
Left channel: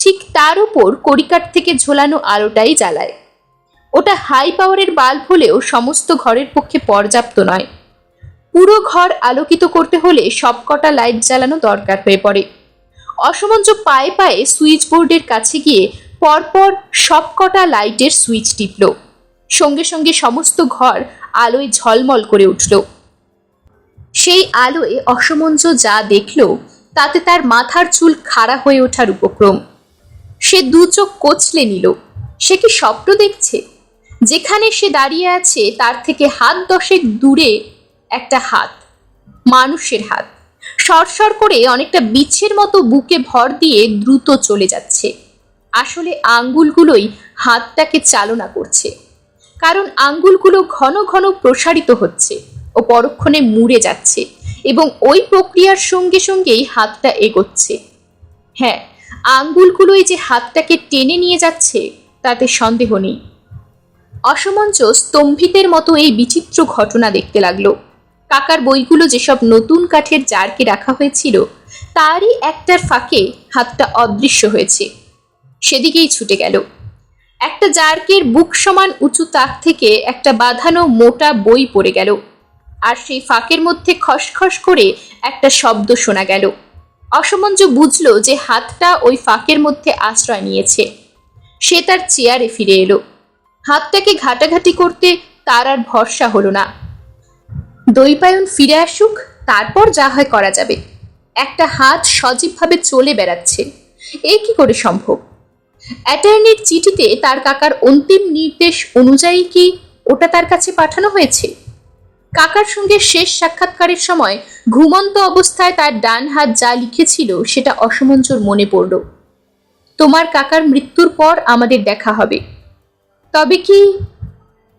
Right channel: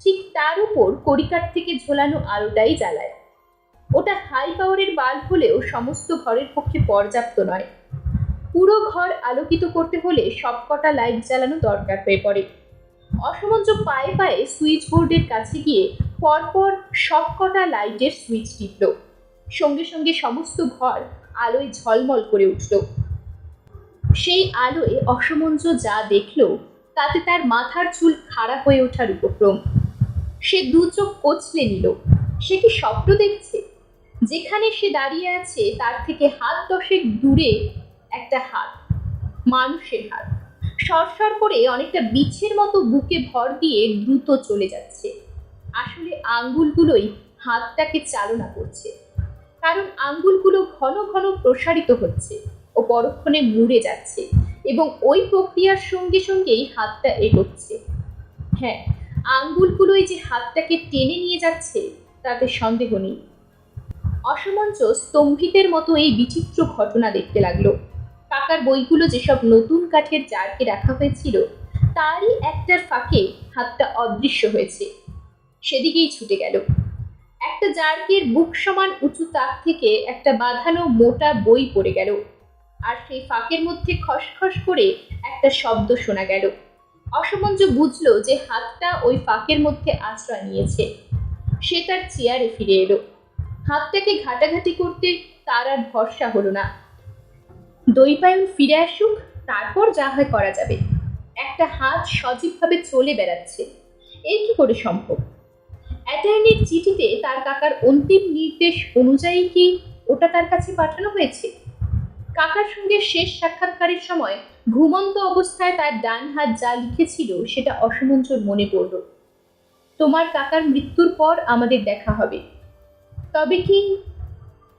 ঠিক তার উপর কড়িকাঠ থেকে ঝোলানো আলোটাই জ্বালায়। ওটা হাই পাওয়ারের বাল্ব হলেও সমস্ত ঘরের পক্ষে পর্যাপ্ত নয়। পুরো ঘর আলোকিত করতে হলে সবকটা লাইট জ্বালানো দরকার হয়ে পড়ে। অসমঞ্জ পায়ে পায়ে সুইচ বোর্ডের কাছে গিয়ে পরপর সবকটা লাইটের সুইচ টিপল। সঙ্গে সঙ্গে সমস্ত ঘর আলোয় ঝলমল করে উঠল। সেই আলোয় অসমঞ্জ যা দেখল তাতে তার মাথার চুল খাড়া হয়ে ওঠার উপক্রম। সে 2 চোখ কচলে নিল। সে কি স্বপ্ন দেখছে? যেখানে সে দাঁড়িয়ে আছে তার থেকে হাত 10 দূরে একটা হাত, মানুষের হাত, সরসর করে অনেকটা বিছের মতো বুকে ভর দিয়ে দ্রুত চলে যাচ্ছে। আসলে আঙ্গুলগুলোই হাতটাকে চালনা করছে, কারণ আঙ্গুলগুলো ঘন ঘন প্রসারিত হচ্ছে ও পরক্ষণে মুড়ে যাচ্ছে, এবং ওই প্রক্রিয়ার সঙ্গে সঙ্গেই হাতটা এগোচ্ছে। হ্যাঁ, আঙ্গুলগুলোই যে হাতটাকে টেনে নিয়ে যাচ্ছে তাতে সন্দেহ নেই। অসমঞ্চ স্তম্ভিতের মতো এই বিচিত্র ঘটনা দেখতে লাগলো। কাকার বইগুলো যেসব নতুন কাঠের জারকে রাখা হয়েছিল তারই একটার ফাঁকে হাতটা অদৃশ্য হয়েছে। সেদিকেই ছুটে গেল। একটা জারকের বুক সমান উঁচু তাক থেকে একটা বাঁধানো মোটা বই পড়ে গেল, আর সেই ফাঁকের মধ্যে খসখস করে একটা শব্দ শোনা গেল। অসমঞ্জ বুঝল যে হাতটা ওই ফাঁকের মধ্যে আশ্রয় নিয়েছে। সে তার চেয়ারে ফিরে এলো। হাতটাকে ঘাটাঘাটি করতে তার আর ভরসা হলো না। দৈপায়ন ফিরে আসুক, তারপর যা হয় করা যাবে। একটা হাত সজীবভাবে চলে বেড়াচ্ছে, এই কি করে সম্ভব? অ্যাটর্নির চিঠিতে তার কাকার অন্তিম নির্দেশ অনুযায়ী কি ওটা তার কাছে পাঠানো হয়েছে? কাকার সঙ্গে শেষ সাক্ষাৎকারের সময় ঘুমন্ত অবস্থায় তার ডান হাত যা লিখেছিল সেটা অসমঞ্জর মনে পড়ল। তোমার কাকার মৃত্যুর পর আমাদের দেখা হবে। তবে কি?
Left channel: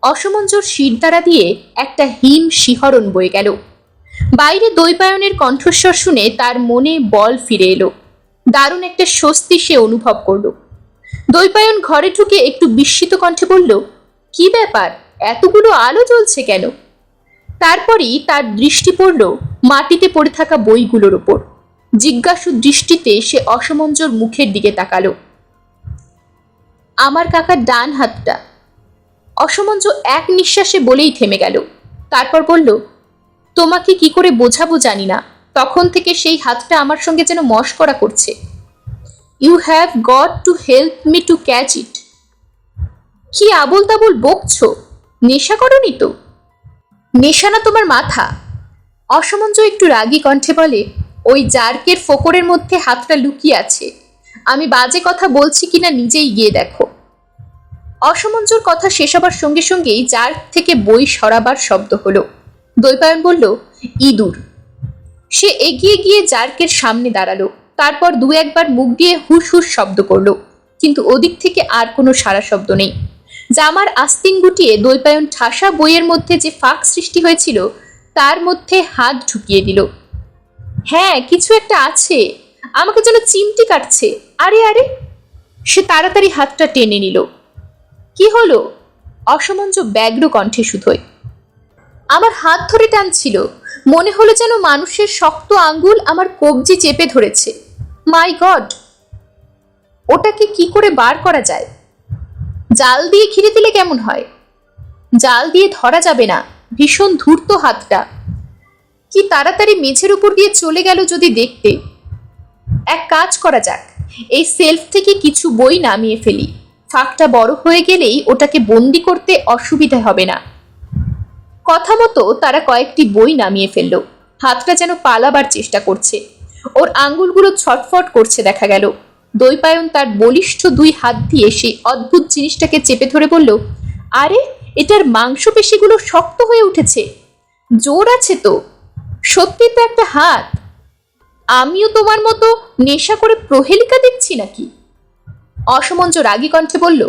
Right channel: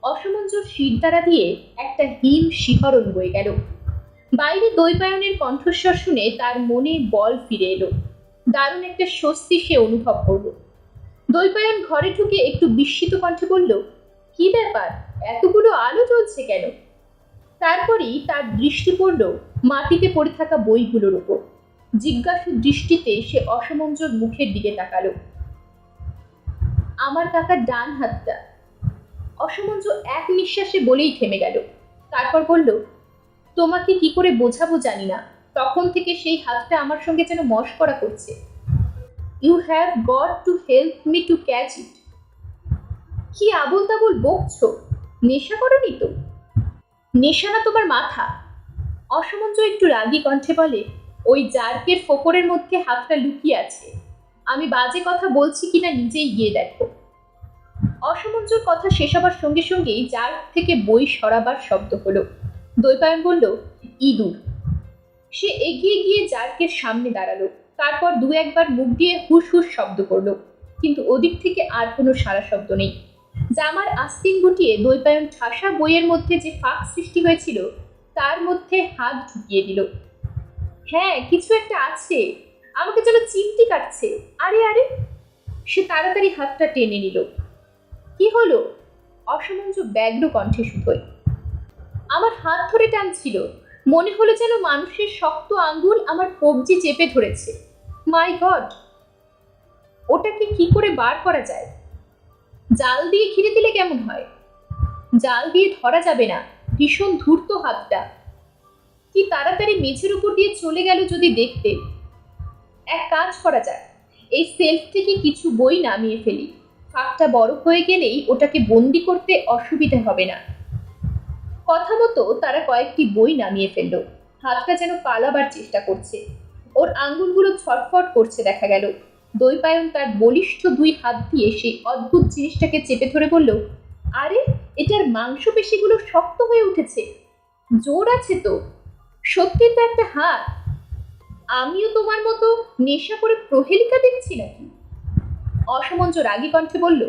অসমঞ্জর শিরদাঁড়া দিয়ে একটা হিম শিহরণ বয়ে গেল। বাইরে দৈপায়নের কণ্ঠস্বর শুনে তার মনে বল ফিরে এলো। দারুণ একটা স্বস্তি সে অনুভব করল। দৈপায়ন ঘরে ঢুকে একটু বিস্মিত কণ্ঠে বলল, কি ব্যাপার, এতগুলো আলো জ্বলছে কেন? তারপরই তার দৃষ্টি পড়ল মাটিতে পড়ে থাকা বইগুলোর ওপর। জিজ্ঞাসু দৃষ্টিতে সে অসমঞ্জর মুখের দিকে তাকালো। আমার কাকার ডান হাতটা, অসমঞ্জ এক নিঃশ্বাসে বলেই থেমে গেল। তারপর বলল, তোমাকে কি করে বোঝাবো জানি না, তখন থেকে সেই হাতটা আমার সঙ্গে যেন মশকরা করছে। You have got to help me to catch it. কি আবোল তাবোল বকছো? নেশা করনি তো? নেশা না তোমার মাথা। অসমঞ্জ একটু রাগী কণ্ঠে বলে, ওই জার্কের ফোকরের মধ্যে হাতটা লুকিয়ে আছে। আমি বাজে কথা বলছি কিনা নিজেই গিয়ে দেখো। অসমঞ্জর কথা শেষ হবার সঙ্গে সঙ্গেই জার্ক থেকে বই সরাবার শব্দ হলো। দৈপায়ন বলল, ইঁদুর। সে এগিয়ে গিয়ে জার্কের সামনে দাঁড়ালো। তারপর দু একবার মুখ দিয়ে হুস হুস শব্দ করলো, কিন্তু ওদিক থেকে আর কোনো সারা শব্দ নেই। জামার আস্তিন গুটিয়ে দৈপায়ন ঠাসা বইয়ের মধ্যে যে ফাঁক সৃষ্টি হয়েছিল তার মধ্যে হাত ঢুকিয়ে দিল। হ্যাঁ, কিছু একটা আছে, আমাকে যেন চিমটি কাটছে। আরে আরে! সে তাড়াতাড়ি হাতটা টেনে নিল। কি হলো? অসমঞ্জ ব্যগ্র কণ্ঠে শুধোয়। আমার হাত ধরে টানছিল, মনে হলো যেন মানুষের শক্ত আঙ্গুল আমার কবজি চেপে ধরেছে। মাই গড! ওটাকে কি করে বার করা যায়? জাল দিয়ে ঘিরে দিলে কেমন হয়? জাল দিয়ে ধরা যাবে না, ভীষণ ধূর্ত হাতটা। কি তাড়াতাড়ি মেঝের উপর দিয়ে চলে গেল যদি দেখতে। এক কাজ করা যাক, এই সেলফ থেকে কিছু বই নামিয়ে ফেলি। ফাঁকটা বড় হয়ে গেলেই ওটাকে বন্দি করতে অসুবিধা হবে না। কথা মতো তারা কয়েকটি বই নামিয়ে ফেলল। হাতটা যেন পালাবার চেষ্টা করছে, ওর আঙ্গুলগুলো ছটফট করছে দেখা গেল। দৈপায়ন তার বলিষ্ঠ দুই হাত দিয়ে সেই অদ্ভুত জিনিসটাকে চেপে ধরে বলল, আরে, এটার মাংসপেশিগুলো শক্ত হয়ে উঠেছে, জোর আছে তো। সত্যি তো একটা হাত। আমিও তোমার মতো নেশা করে প্রহেলিকা দেখছি নাকি? অসমঞ্জ রাগী কণ্ঠে বলল,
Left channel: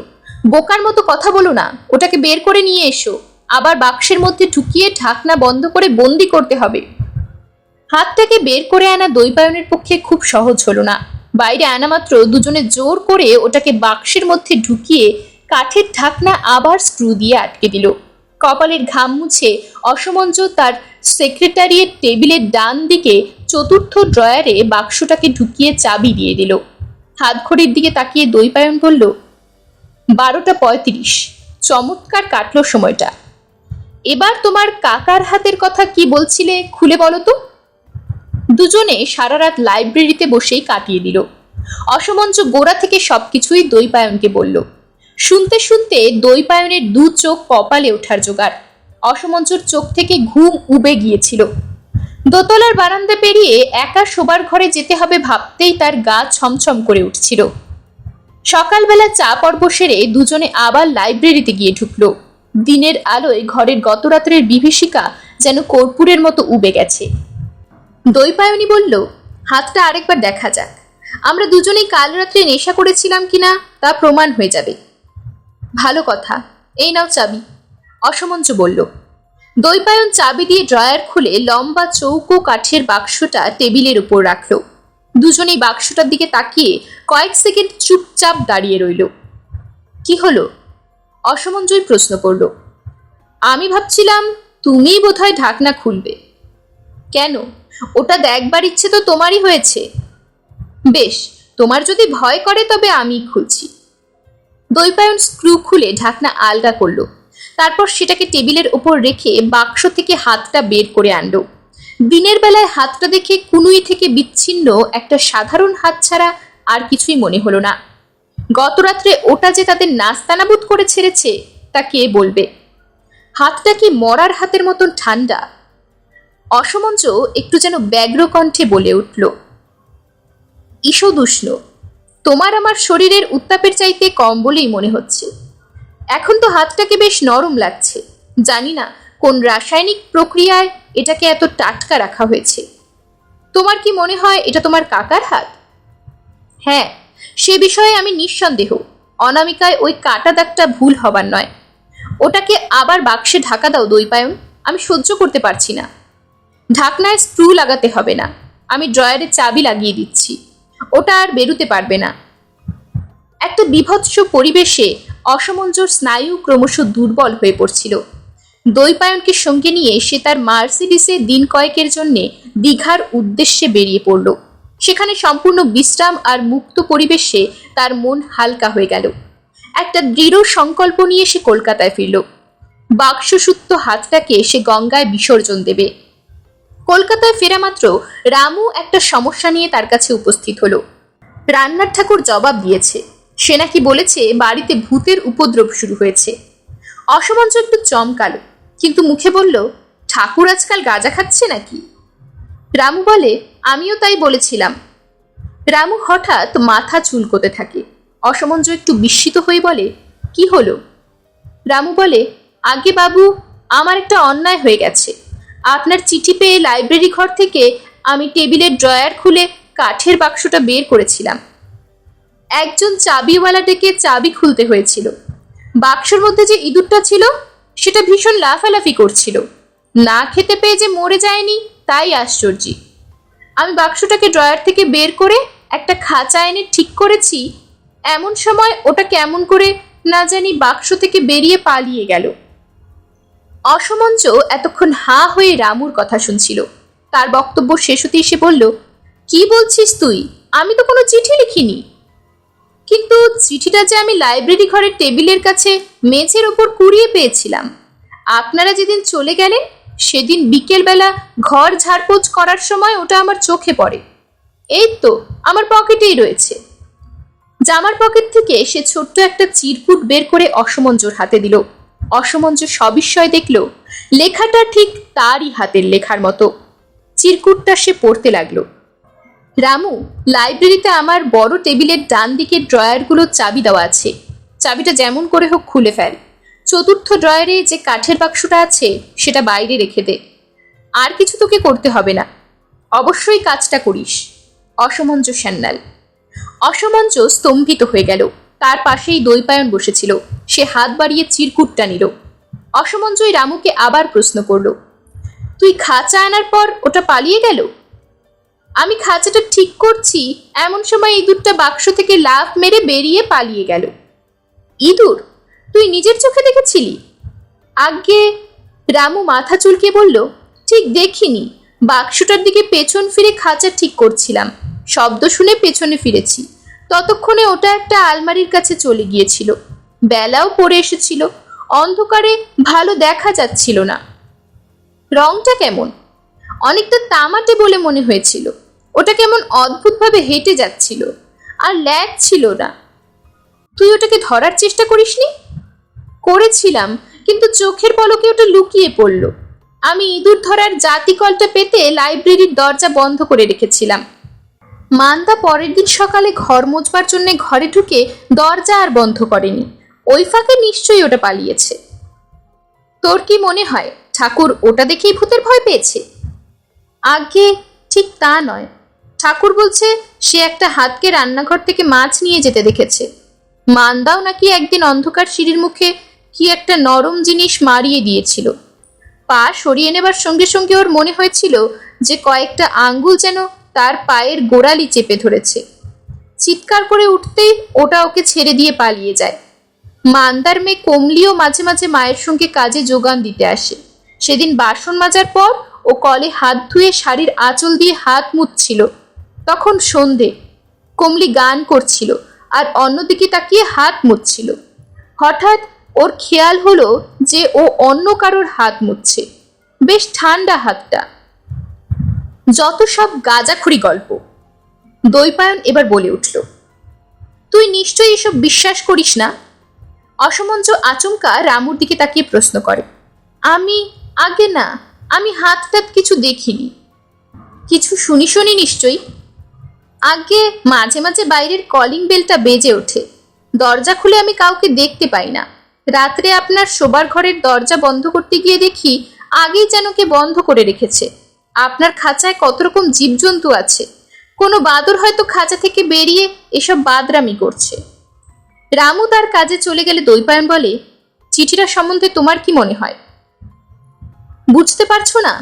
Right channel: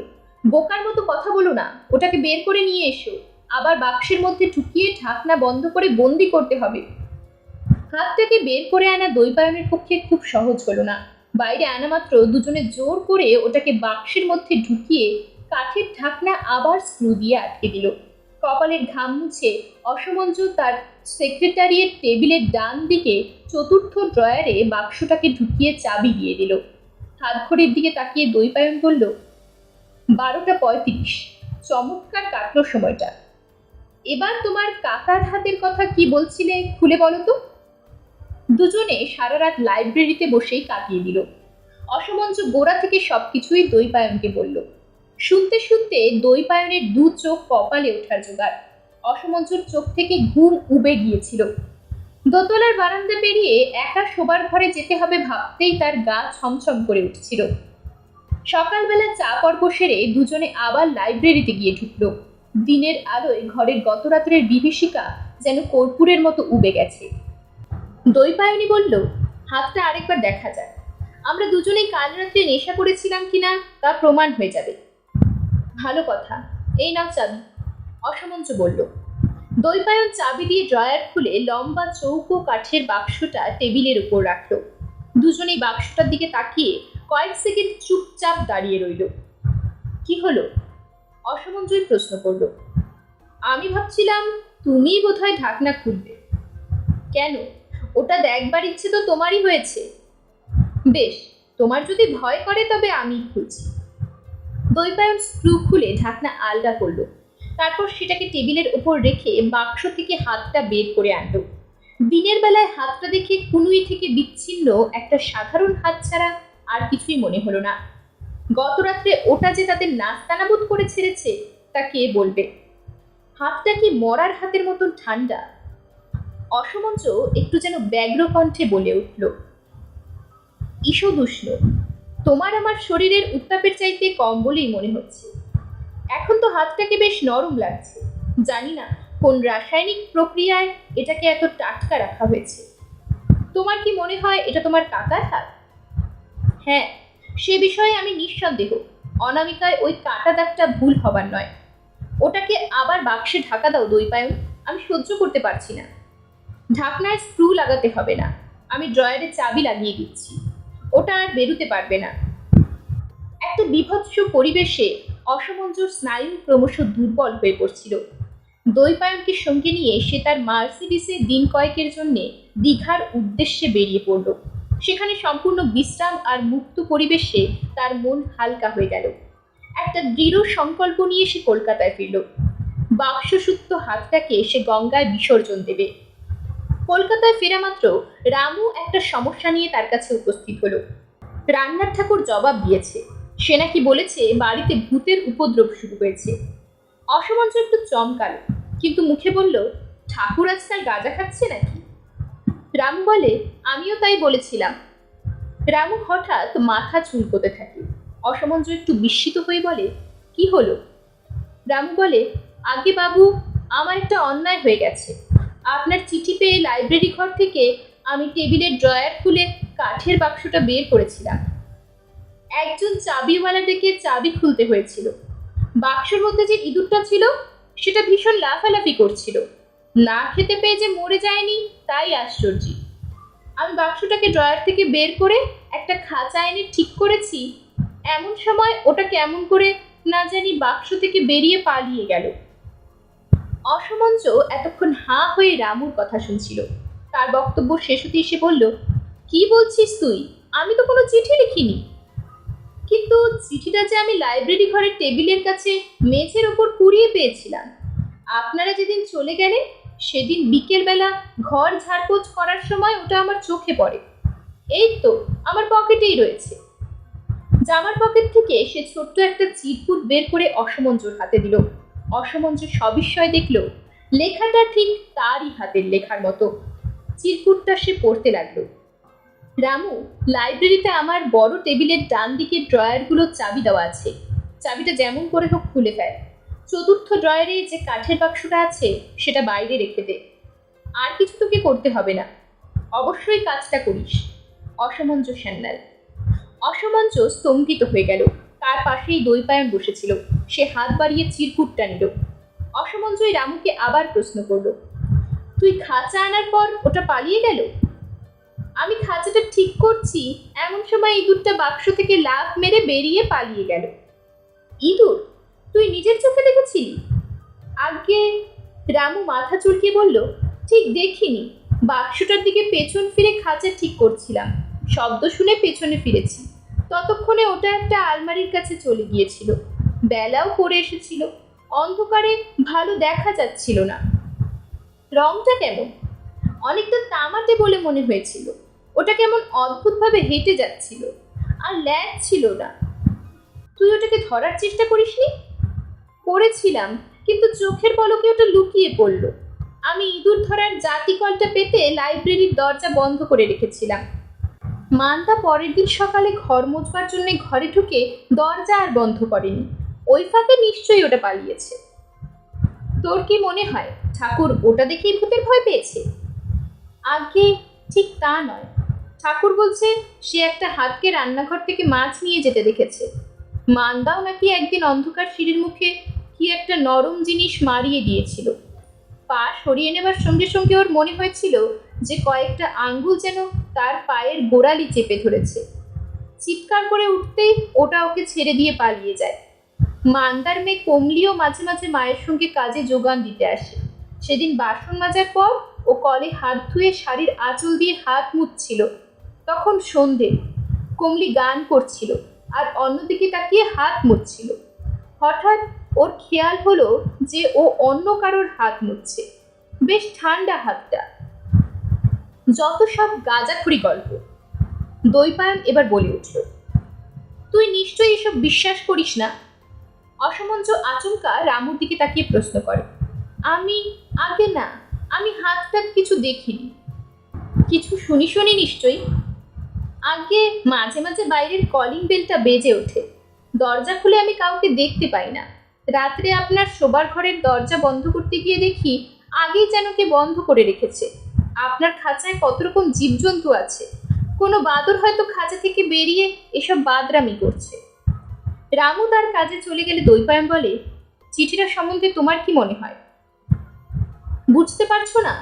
বোকার মতো কথা বলো না, ওটাকে বের করে নিয়ে এসো। আবার বাক্সের মধ্যে ঢুকিয়ে ঢাকনা বন্ধ করে বন্দি করতে হবে। হাতটাকে বের করে আনা দৈপায়নের পক্ষে খুব সহজ হলো না। বাইরে আনা মাত্র দুজনে জোর করে ওটাকে বাক্সের মধ্যে ঢুকিয়ে কাঠের ঢাকনা আবার স্ক্রু দিয়ে আটকে দিল। কপালের ঘাম মুছে অসমঞ্জ তার সেক্রেটারিয়েট টেবিলের ডান দিকে চতুর্থ ড্রয়ারে বাক্সটাকে ঢুকিয়ে চাবি দিয়ে দিল। হাত ঘড়ির দিকে তাকিয়ে দৈপায়ন বলল, 12:35। চমৎকার কাটলো সময়টা। এবার তোমার কাকার হাতের কথা কি বলছিলে, খুলে বলো তো। দুজনে সারা রাত লাইব্রেরিতে বসেই কাটিয়ে দিল। অসমঞ্জ গোড়া থেকে সবকিছুই দৈপায়নকে বলল। শুনতে শুনতে দৈপায়নের দু চোখ কপালে ওঠার জোগাড়। অসমঞ্জর চোখ থেকে ঘুম উবে গিয়েছিল। দোতলার বারান্দা পেরিয়ে একা শোবার ঘরে যেতে হবে ভাবতেই তার গা ছমছম করে উঠছিল। সকালবেলা চা পর্ব সেরে দুজনে আবার লাইব্রেরিতে গিয়ে ঢুকলো। দিনের আলোয় ঘরের গত রাত্রের বিভীষিকা যেন কর্পূরের মতো উবে গেছে। দৈপায়নী বলল, হাতটা আরেকবার দেখা যাক। আমরা দুজনেই কাল রাত্রে নেশা করেছিলাম কিনা তা প্রমাণ হয়ে যাবে। ভালো কথা, এই নাও চাবি, অসমঞ্জ বলল। দৈপায়ন চাবি দিয়ে ড্রয়ার খুলে লম্বা চৌকো কাঠের বাক্সটা টেবিলের উপর রাখল। দুজনেই বাক্সটার দিকে তাকিয়ে কয়েক সেকেন্ড চুপচাপ দাঁড়িয়ে রইল। কি হলো? অসমঞ্জয় প্রশ্ন করল। আমি ভাবছিলাম তুমিই বোধহয় ঢাকনা খুলবে। কেন? ওটা দেখবার ইচ্ছে তো তোমারই হয়েছে। বেশ, তোমার যদি ভয় করে তবে আমিই খুলছি। দৈপায়ন স্ক্রু খুলে ঢাকনা আলগা করলো। তারপর সেটাকে টেবিলের ওপর রেখে বাক্স থেকে হাতটা বের করে আনলো। দিনের বেলায় হাতটা দেখে কুনুই থেকে বিচ্ছিন্ন একটা সাধারণ হাত ছাড়া আর কিছুই মনে হলো না। গত রাত্রে ওটা যে তাদের নাস্তানাবুদ করে ছেড়েছে তা কে বলবে? হাতটা কি মরার হাতের মতন ঠান্ডা। অসমঞ্চ একটু যেন ব্যগ্র কণ্ঠে বলে উঠল, ঈষদুষ্ণ। তোমার আমার শরীরের উত্তাপের চাইতে কম বলেই মনে হচ্ছে। এখন তো হাতটাকে বেশ নরম লাগছে। জানি না কোন রাসায়নিক প্রক্রিয়ায় এটাকে এত টাটকা রাখা হয়েছে। তোমার কি মনে হয় এটা তোমার কাকার হাত? হ্যাঁ, সে বিষয়ে আমি নিঃসন্দেহ। অনামিকায় ওই কাটা দাগটা ভুল হবার নয়। ওটাকে আবার বাক্সে ঢাকা দাও দৈপায়ন, আমি সহ্য করতে পারছি না। ঢাকনায় স্ক্রু লাগাতে হবে না, আমি ড্রয়ারে চাবি লাগিয়ে দিচ্ছি, ওটা আর বেরুতে পারবে না। একটা বীভৎস পরিবেশে অসমঞ্জর স্নায়ু ক্রমশ দুর্বল হয়ে পড়ছিল। দৈপায়নকে সঙ্গে নিয়ে সে তার মার্সিডিসে দিন কয়েকের জন্যে দীঘার উদ্দেশ্যে বেরিয়ে পড়ল। সেখানে সম্পূর্ণ বিশ্রাম আর মুক্ত পরিবেশে তার মন হালকা হয়ে গেল। একটা দৃঢ় সংকল্প নিয়ে সে কলকাতায় ফিরল। বাক্সসূত্র হাতটাকে সে গঙ্গায় বিসর্জন দেবে। কলকাতায় ফেরা মাত্র রামু একটা সমস্যা নিয়ে তার কাছে উপস্থিত হলো। রান্নার ঠাকুর জবাব দিয়েছে। সে নাকি বলেছে বাড়িতে ভূতের উপদ্রব শুরু হয়েছে। অসমঞ্চ একটু চমকালো, কিন্তু মুখে বলল, ঠাকুর আজকাল গাঁজা খাচ্ছে নাকি? রামু বলে, আমিও তাই বলেছিলাম। রামু হঠাৎ মাথা চুলকোতে থাকে। অসমঞ্চ একটু বিস্মিত হয়ে বলে, কি হলো? রামু বলে, আগে বাবু, আমার একটা অন্যায় হয়ে গেছে। আপনার চিঠি পেয়ে লাইব্রেরি ঘর থেকে আমি টেবিলের ড্রয়ার খুলে কাঠের বাক্সটা বের করেছিলাম। একজন চাবিওয়ালা ডেকে চাবি খুলতে হয়েছিল। বাক্সের মধ্যে যে ইঁদুরটা ছিল সেটা ভীষণ লাফালাফি করছিল। না খেতে পেয়ে যে মরে যায়নি তাই আশ্চর্য। আমি বাক্সটাকে ড্রয়ার থেকে বের করে একটা খাঁচা এনে ঠিক করেছি, এমন সময় ওটা কেমন করে না জানি বাক্স থেকে বেরিয়ে পালিয়ে গেল। অসমঞ্চ এতক্ষণ হাঁ হয়ে রামুর কথা শুনছিল। তার বক্তব্য শেষ হতেই সে বলল, কি বলছিস তুই? আমি তো কোনো চিঠি লিখিনি। কিন্তু চিঠিটা যে আমি লাইব্রেরি ঘরের টেবিলের কাছে মেঝের ওপর কুড়িয়ে পেয়েছিলাম। আপনারা যেদিন চলে গেলেন সেদিন বিকেলবেলা ঘর ঝাড়পোছ করার সময় ওটা আমার চোখে পড়ে। এই তো আমার পকেটেই রয়েছে। জামার পকেট থেকে সে ছোট্ট একটা চিরকুট বের করে অসমঞ্জর হাতে দিল। অসমঞ্জ সবিস্ময় দেখল লেখাটা ঠিক তারই হাতের লেখার মতো। চিরকুটটা সে পড়তে লাগলো, রামু, লাইব্রেরিতে আমার বড় টেবিলের ডান দিকের ড্রয়ারগুলোর চাবি দেওয়া আছে। চাবিটা যেমন করে হোক খুলে ফেল। চতুর্থ ড্রয়ারে যে কাঠের বাক্সটা আছে সেটা বাইরে রেখে দে। আর কিছু তোকে করতে হবে না। অবশ্যই কাজটা করিস। অসমঞ্জ সান্যাল। অসমঞ্জ স্তম্ভিত হয়ে গেল। তার পাশেই দৈপায়ন বসেছিল। সে হাত বাড়িয়ে চিরকুটটা নিল। অসমঞ্জই রামুকে আবার প্রশ্ন করল, তুই খাঁচা আনার পর ওটা পালিয়ে গেল? আমি খাঁচাটা ঠিক করছি এমন সময় ইঁদুরটা বাক্স থেকে লাফ মেরে বেরিয়ে পালিয়ে গেল। ইঁদুর? তুই নিজের চোখে দেখেছিলি? আজ্ঞে, রামু মাথা চুলকে বলল, ঠিক দেখিনি। বাক্সটার দিকে পেছন ফিরে খাঁচা ঠিক করছিলাম। শব্দ শুনে পেছনে ফিরেছি। ততক্ষণে ওটা একটা আলমারির কাছে চলে গিয়েছিল। বেলাও পড়ে এসেছিল। অন্ধকারে ভালো দেখা যাচ্ছিল না। রংটা কেমন? অনেকটা তামাটে বলে মনে হয়েছিল। ওটা কেমন অদ্ভুতভাবে হেঁটে যাচ্ছিল, আর ল্যাগ ছিল না। তুই ওটাকে ধরার চেষ্টা করিসনি? করেছিলাম, কিন্তু চোখের পলকে ওটা লুকিয়ে পড়ল। আমি ইঁদুর ধরার জাতিকলটা পেতে লাইব্রেরির দরজা বন্ধ করে রেখেছিলাম। মান্দা পরের দিন সকালে ঘর মোছবার জন্য ঘরে ঢুকে দরজা আর বন্ধ করেনি। ওই ফাঁকে নিশ্চয়ই ওটা পালিয়েছে। তোর কি মনে হয় ঠাকুর ওটা দেখেই ভূতের ভয় পেয়েছে? আগে ঠিক তা নয়। ঠাকুর বলছে সে একটা হাতকে রান্নাঘর থেকে মাছ নিয়ে যেতে দেখেছে। মান্দাও নাকি একদিন অন্ধকার সিঁড়ির মুখে কি একটা নরম জিনিস মারিয়ে দিয়েছিল। পা সরিয়ে নেবার সঙ্গে সঙ্গে ওর মনে হয়েছিল যে কয়েকটা আঙ্গুল যেন তার পায়ের গোড়ালি চেপে ধরেছে। চিৎকার করে উঠতেই ওটা ওকে ছেড়ে দিয়ে পালিয়ে যায়। মান্দার মেয়ে কমলিও মাঝে মাঝে মায়ের সঙ্গে কাজে যোগান দিতে আসে। সেদিন বাসন মাজার পর ও কলে হাত ধুয়ে শাড়ির আঁচল দিয়ে হাত মুছছিল। তখন সন্ধে। কমলি গান করছিল আর অন্যদিকে তাকিয়ে হাত মুছছিল। হঠাৎ ওর খেয়াল হলো যে ও অন্য কারোর হাত মুছছে। বেশ ঠান্ডা হাতটা। যত সব গাঁজাখুরি গল্প। দৈপায়ন এবার বলে উঠল, তুই নিশ্চয়ই এসব বিশ্বাস করিস না? অসমঞ্জ আচমকা রামুর দিকে তাকিয়ে প্রশ্ন করে। আগে না, আমি হাত টাত কিছু দেখিনি। কিছু শুনি নিশ্চয়ই। আগে মাঝে মাঝে বাইরের কলিং বেলটা বেজে ওঠে, দরজা খুলে আমি কাউকে দেখতে পাই না। রাত্রে আপনার শোবার ঘরের দরজা বন্ধ করতে গিয়ে দেখি আগেই যেন কে বন্ধ করে রেখেছে। আপনার খাঁচায় কত রকম জীবজন্তু আছে, কোনো বাদর হয়তো খাঁচা থেকে বেরিয়ে এসব বাদরামি করছে। রামু তার কাজে চলে গেলে দৈপায়ন বলে, চিঠিটা সম্বন্ধে তোমার কি মনে হয়? বুঝতে পারছো না?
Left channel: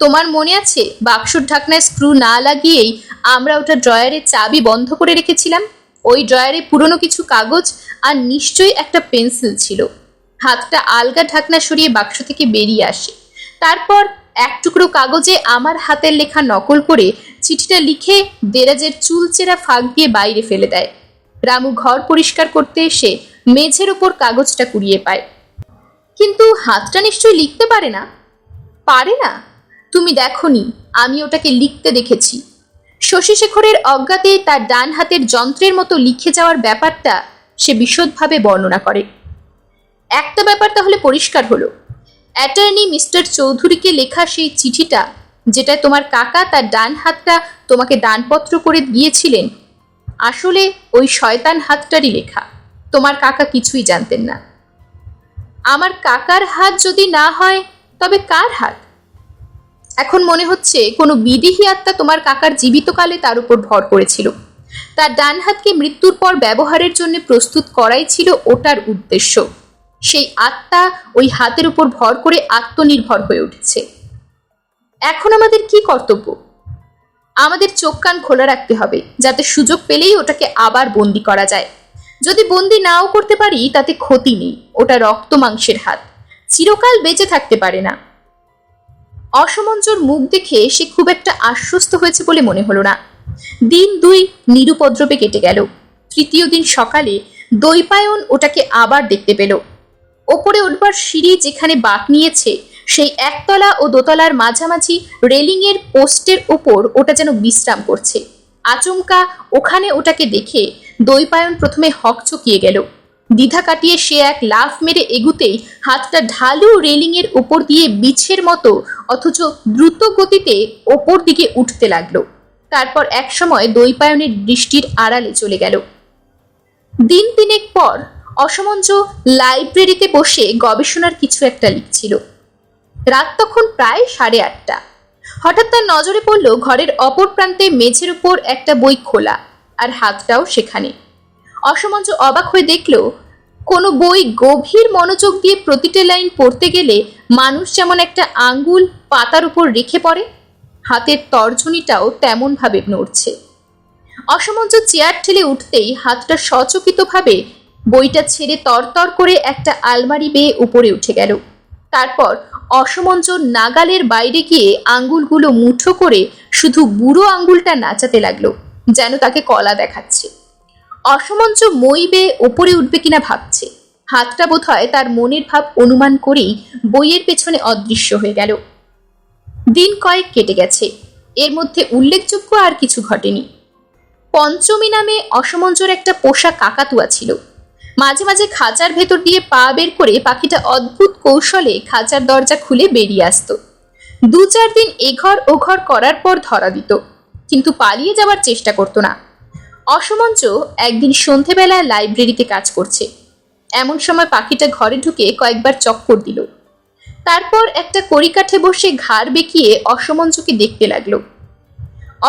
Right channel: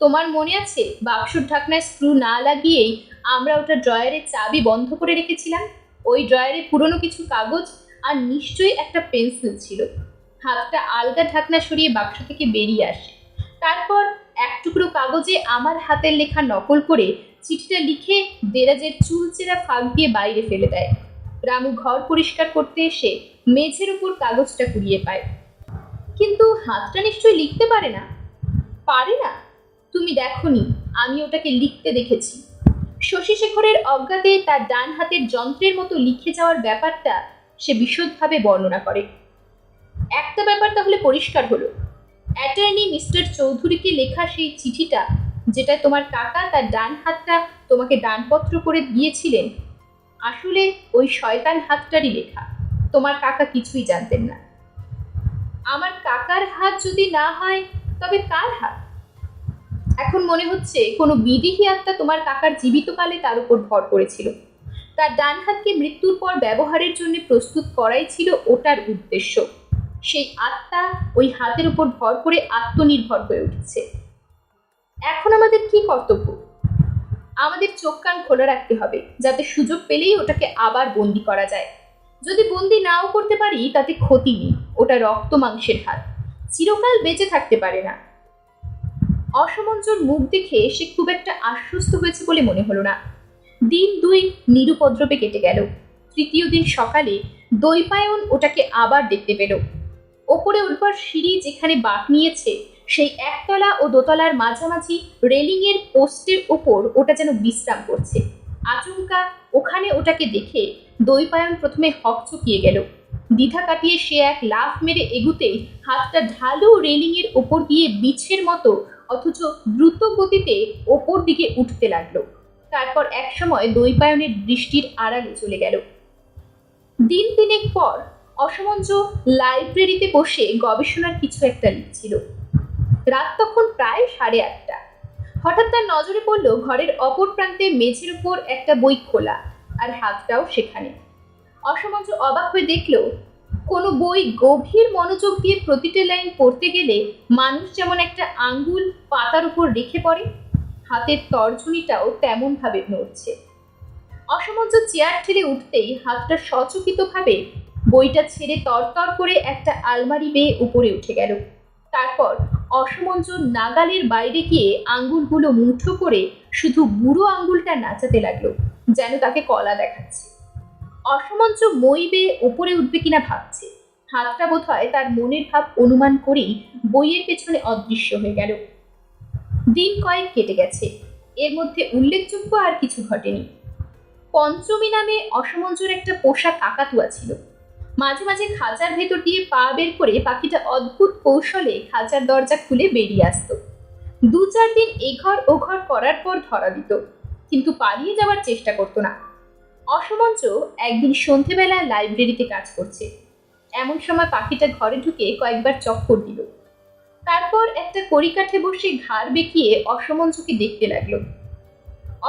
তোমার মনে আছে বাক্সর ঢাকনায় স্ক্রু না লাগিয়েই আমরা ওটা ড্রয়ারের চাবি বন্ধ করে রেখেছিলাম? ওই ড্রয়ারে পুরনো কিছু কাগজ আর নিশ্চয়ই একটা পেন্সিল ছিল। হাতটা আলগা ঢাকনা সরিয়ে বাক্স থেকে বেরিয়ে আসে। তারপর এক টুকরো কাগজে আমার হাতের লেখা নকল করে চিঠিটা লিখে দেরাজের চুলচেরা ফাঁক দিয়ে বাইরে ফেলে দেয়। রামু ঘর পরিষ্কার করতে এসে মেঝের ওপর কাগজটা কুড়িয়ে পায়। কিন্তু হাতটা নিশ্চয়ই লিখতে পারে না। পারে না? তুমি দেখোনি, আমি ওটাকে লিখতে দেখেছি। শশীশেখরের অজ্ঞাতে তার ডান হাতের যন্ত্রের মতো লিখে যাওয়ার ব্যাপারটা সে বিশদভাবে বর্ণনা করে। একটা ব্যাপার তাহলে পরিষ্কার হলো, অ্যাটর্নি মিস্টার চৌধুরীকে লেখা সেই চিঠিটা, যেটা তোমার কাকা তার ডান হাতটা তোমাকে দানপত্র করে দিয়েছিলেন, আসলে ওই শয়তান হাতটারই লেখা। তোমার কাকা কিছুই জানতেন না। আমার কাকার হাত যদি না হয় তবে কার হাত? এখন মনে হচ্ছে কোনো বিদেহী আত্মা তোমার কাকার জীবিতকালে তার উপর ভর করেছিল। তার ডান হাতকে মৃত্যুর পর ব্যবহারের জন্য প্রস্তুত করাই ছিল ওটার উদ্দেশ্য। সেই আত্মা ওই হাতের উপর ভর করে আত্মনির্ভর হয়ে উঠেছে। এখন আমাদের কি কর্তব্য? আমাদের চোখ কান খোলা রাখতে হবে, যাতে সুযোগ পেলেই ওটাকে আবার বন্দি করা যায়। যদি বন্দি নাও করতে পারি তাতে ক্ষতি নেই, ওটা রক্ত মাংসের হাত, চিরকাল বেঁচে থাকতে পারে না। অসমঞ্জর মুখ দেখে সে খুব একটা আশ্বস্ত হয়েছে বলে মনে হলো না। দিন দুই নিরুপদ্রবে কেটে গেল। তৃতীয় দিন সকালে দৈপায়ন ওটাকে আবার দেখতে পেল। ওপরে উঠবার সিঁড়ি যেখানে বাঁক নিয়েছে, সেই একতলা ও দোতলার মাঝামাঝি রেলিংয়ের পোস্টের ওপর ওটা যেন বিশ্রাম করছে। আচমকা ওখানে ওটাকে দেখে দৈপায়ন প্রথমে হকচকিয়ে গেল। দ্বিধা কাটিয়ে সে এক লাফ মেরে এগুতেই হাতটা ঢালু রেলিংয়ের ওপর দিয়ে বিছের মতো অথচ দ্রুত গতিতে ওপর দিকে উঠতে লাগলো। তারপর এক সময় দৈপায়নের দৃষ্টির আড়ালে চলে গেল। দিন তিনেক পর অসমঞ্জ লাইব্রেরিতে বসে গবেষণার কিছু একটা লিখছিল। রাত তখন প্রায় 8:30। হঠাৎ তার নজরে পড়ল ঘরের অপর প্রান্তে মেঝের উপর একটা বই খোলা, আর হাতটাও সেখানে। অসমঞ্জ অবাক হয়ে দেখল, কোনো বই গভীর মনোযোগ দিয়ে প্রতিটা লাইন পড়তে গেলে মানুষ যেমন একটা আঙ্গুল পাতার উপর রেখে পড়ে, হাতের তর্জনীটাও তেমন ভাবে নড়ছে। অসমঞ্জ চেয়ার ঠেলে উঠতেই হাতটা সচকিতভাবে বইটা ছেড়ে তরতর করে একটা আলমারি বেয়ে উপরে উঠে গেল। তারপর অসমঞ্জ নাগালের বাইরে গিয়ে আঙ্গুলগুলো মুঠো করে শুধু বুড়ো আঙ্গুলটা নাচাতে লাগলো, যেন তাকে কলা দেখাচ্ছে। অসমঞ্জ মই বেয়ে ওপরে উঠবে কিনা ভাবছে। হাতটা বোধহয় তার মনের ভাব অনুমান করেই বইয়ের পেছনে অদৃশ্য হয়ে গেল। দিন কয়েক কেটে গেছে, এর মধ্যে উল্লেখযোগ্য আর কিছু ঘটেনি। পঞ্চমী নামে অসমঞ্জর একটা পোষা কাকাতুয়া ছিল। মাঝে মাঝে খাঁচার ভেতর দিয়ে পা বের করে পাখিটা অদ্ভুত কৌশলে খাঁচার দরজা খুলে বেরিয়ে আসতো। 2-4 দিন এঘর ওঘর করার পর ধরা দিত, কিন্তু পালিয়ে যাওয়ার চেষ্টা করতো না। অসমঞ্জ একদিন সন্ধেবেলা লাইব্রেরিতে কাজ করছে। এমন সময় পাখিটা ঘরে ঢুকে কয়েকবার চক্কর দিল। তারপর একটা কড়িকাঠে বসে ঘাড় বেঁকিয়ে অসমঞ্জকে দেখতে লাগলো।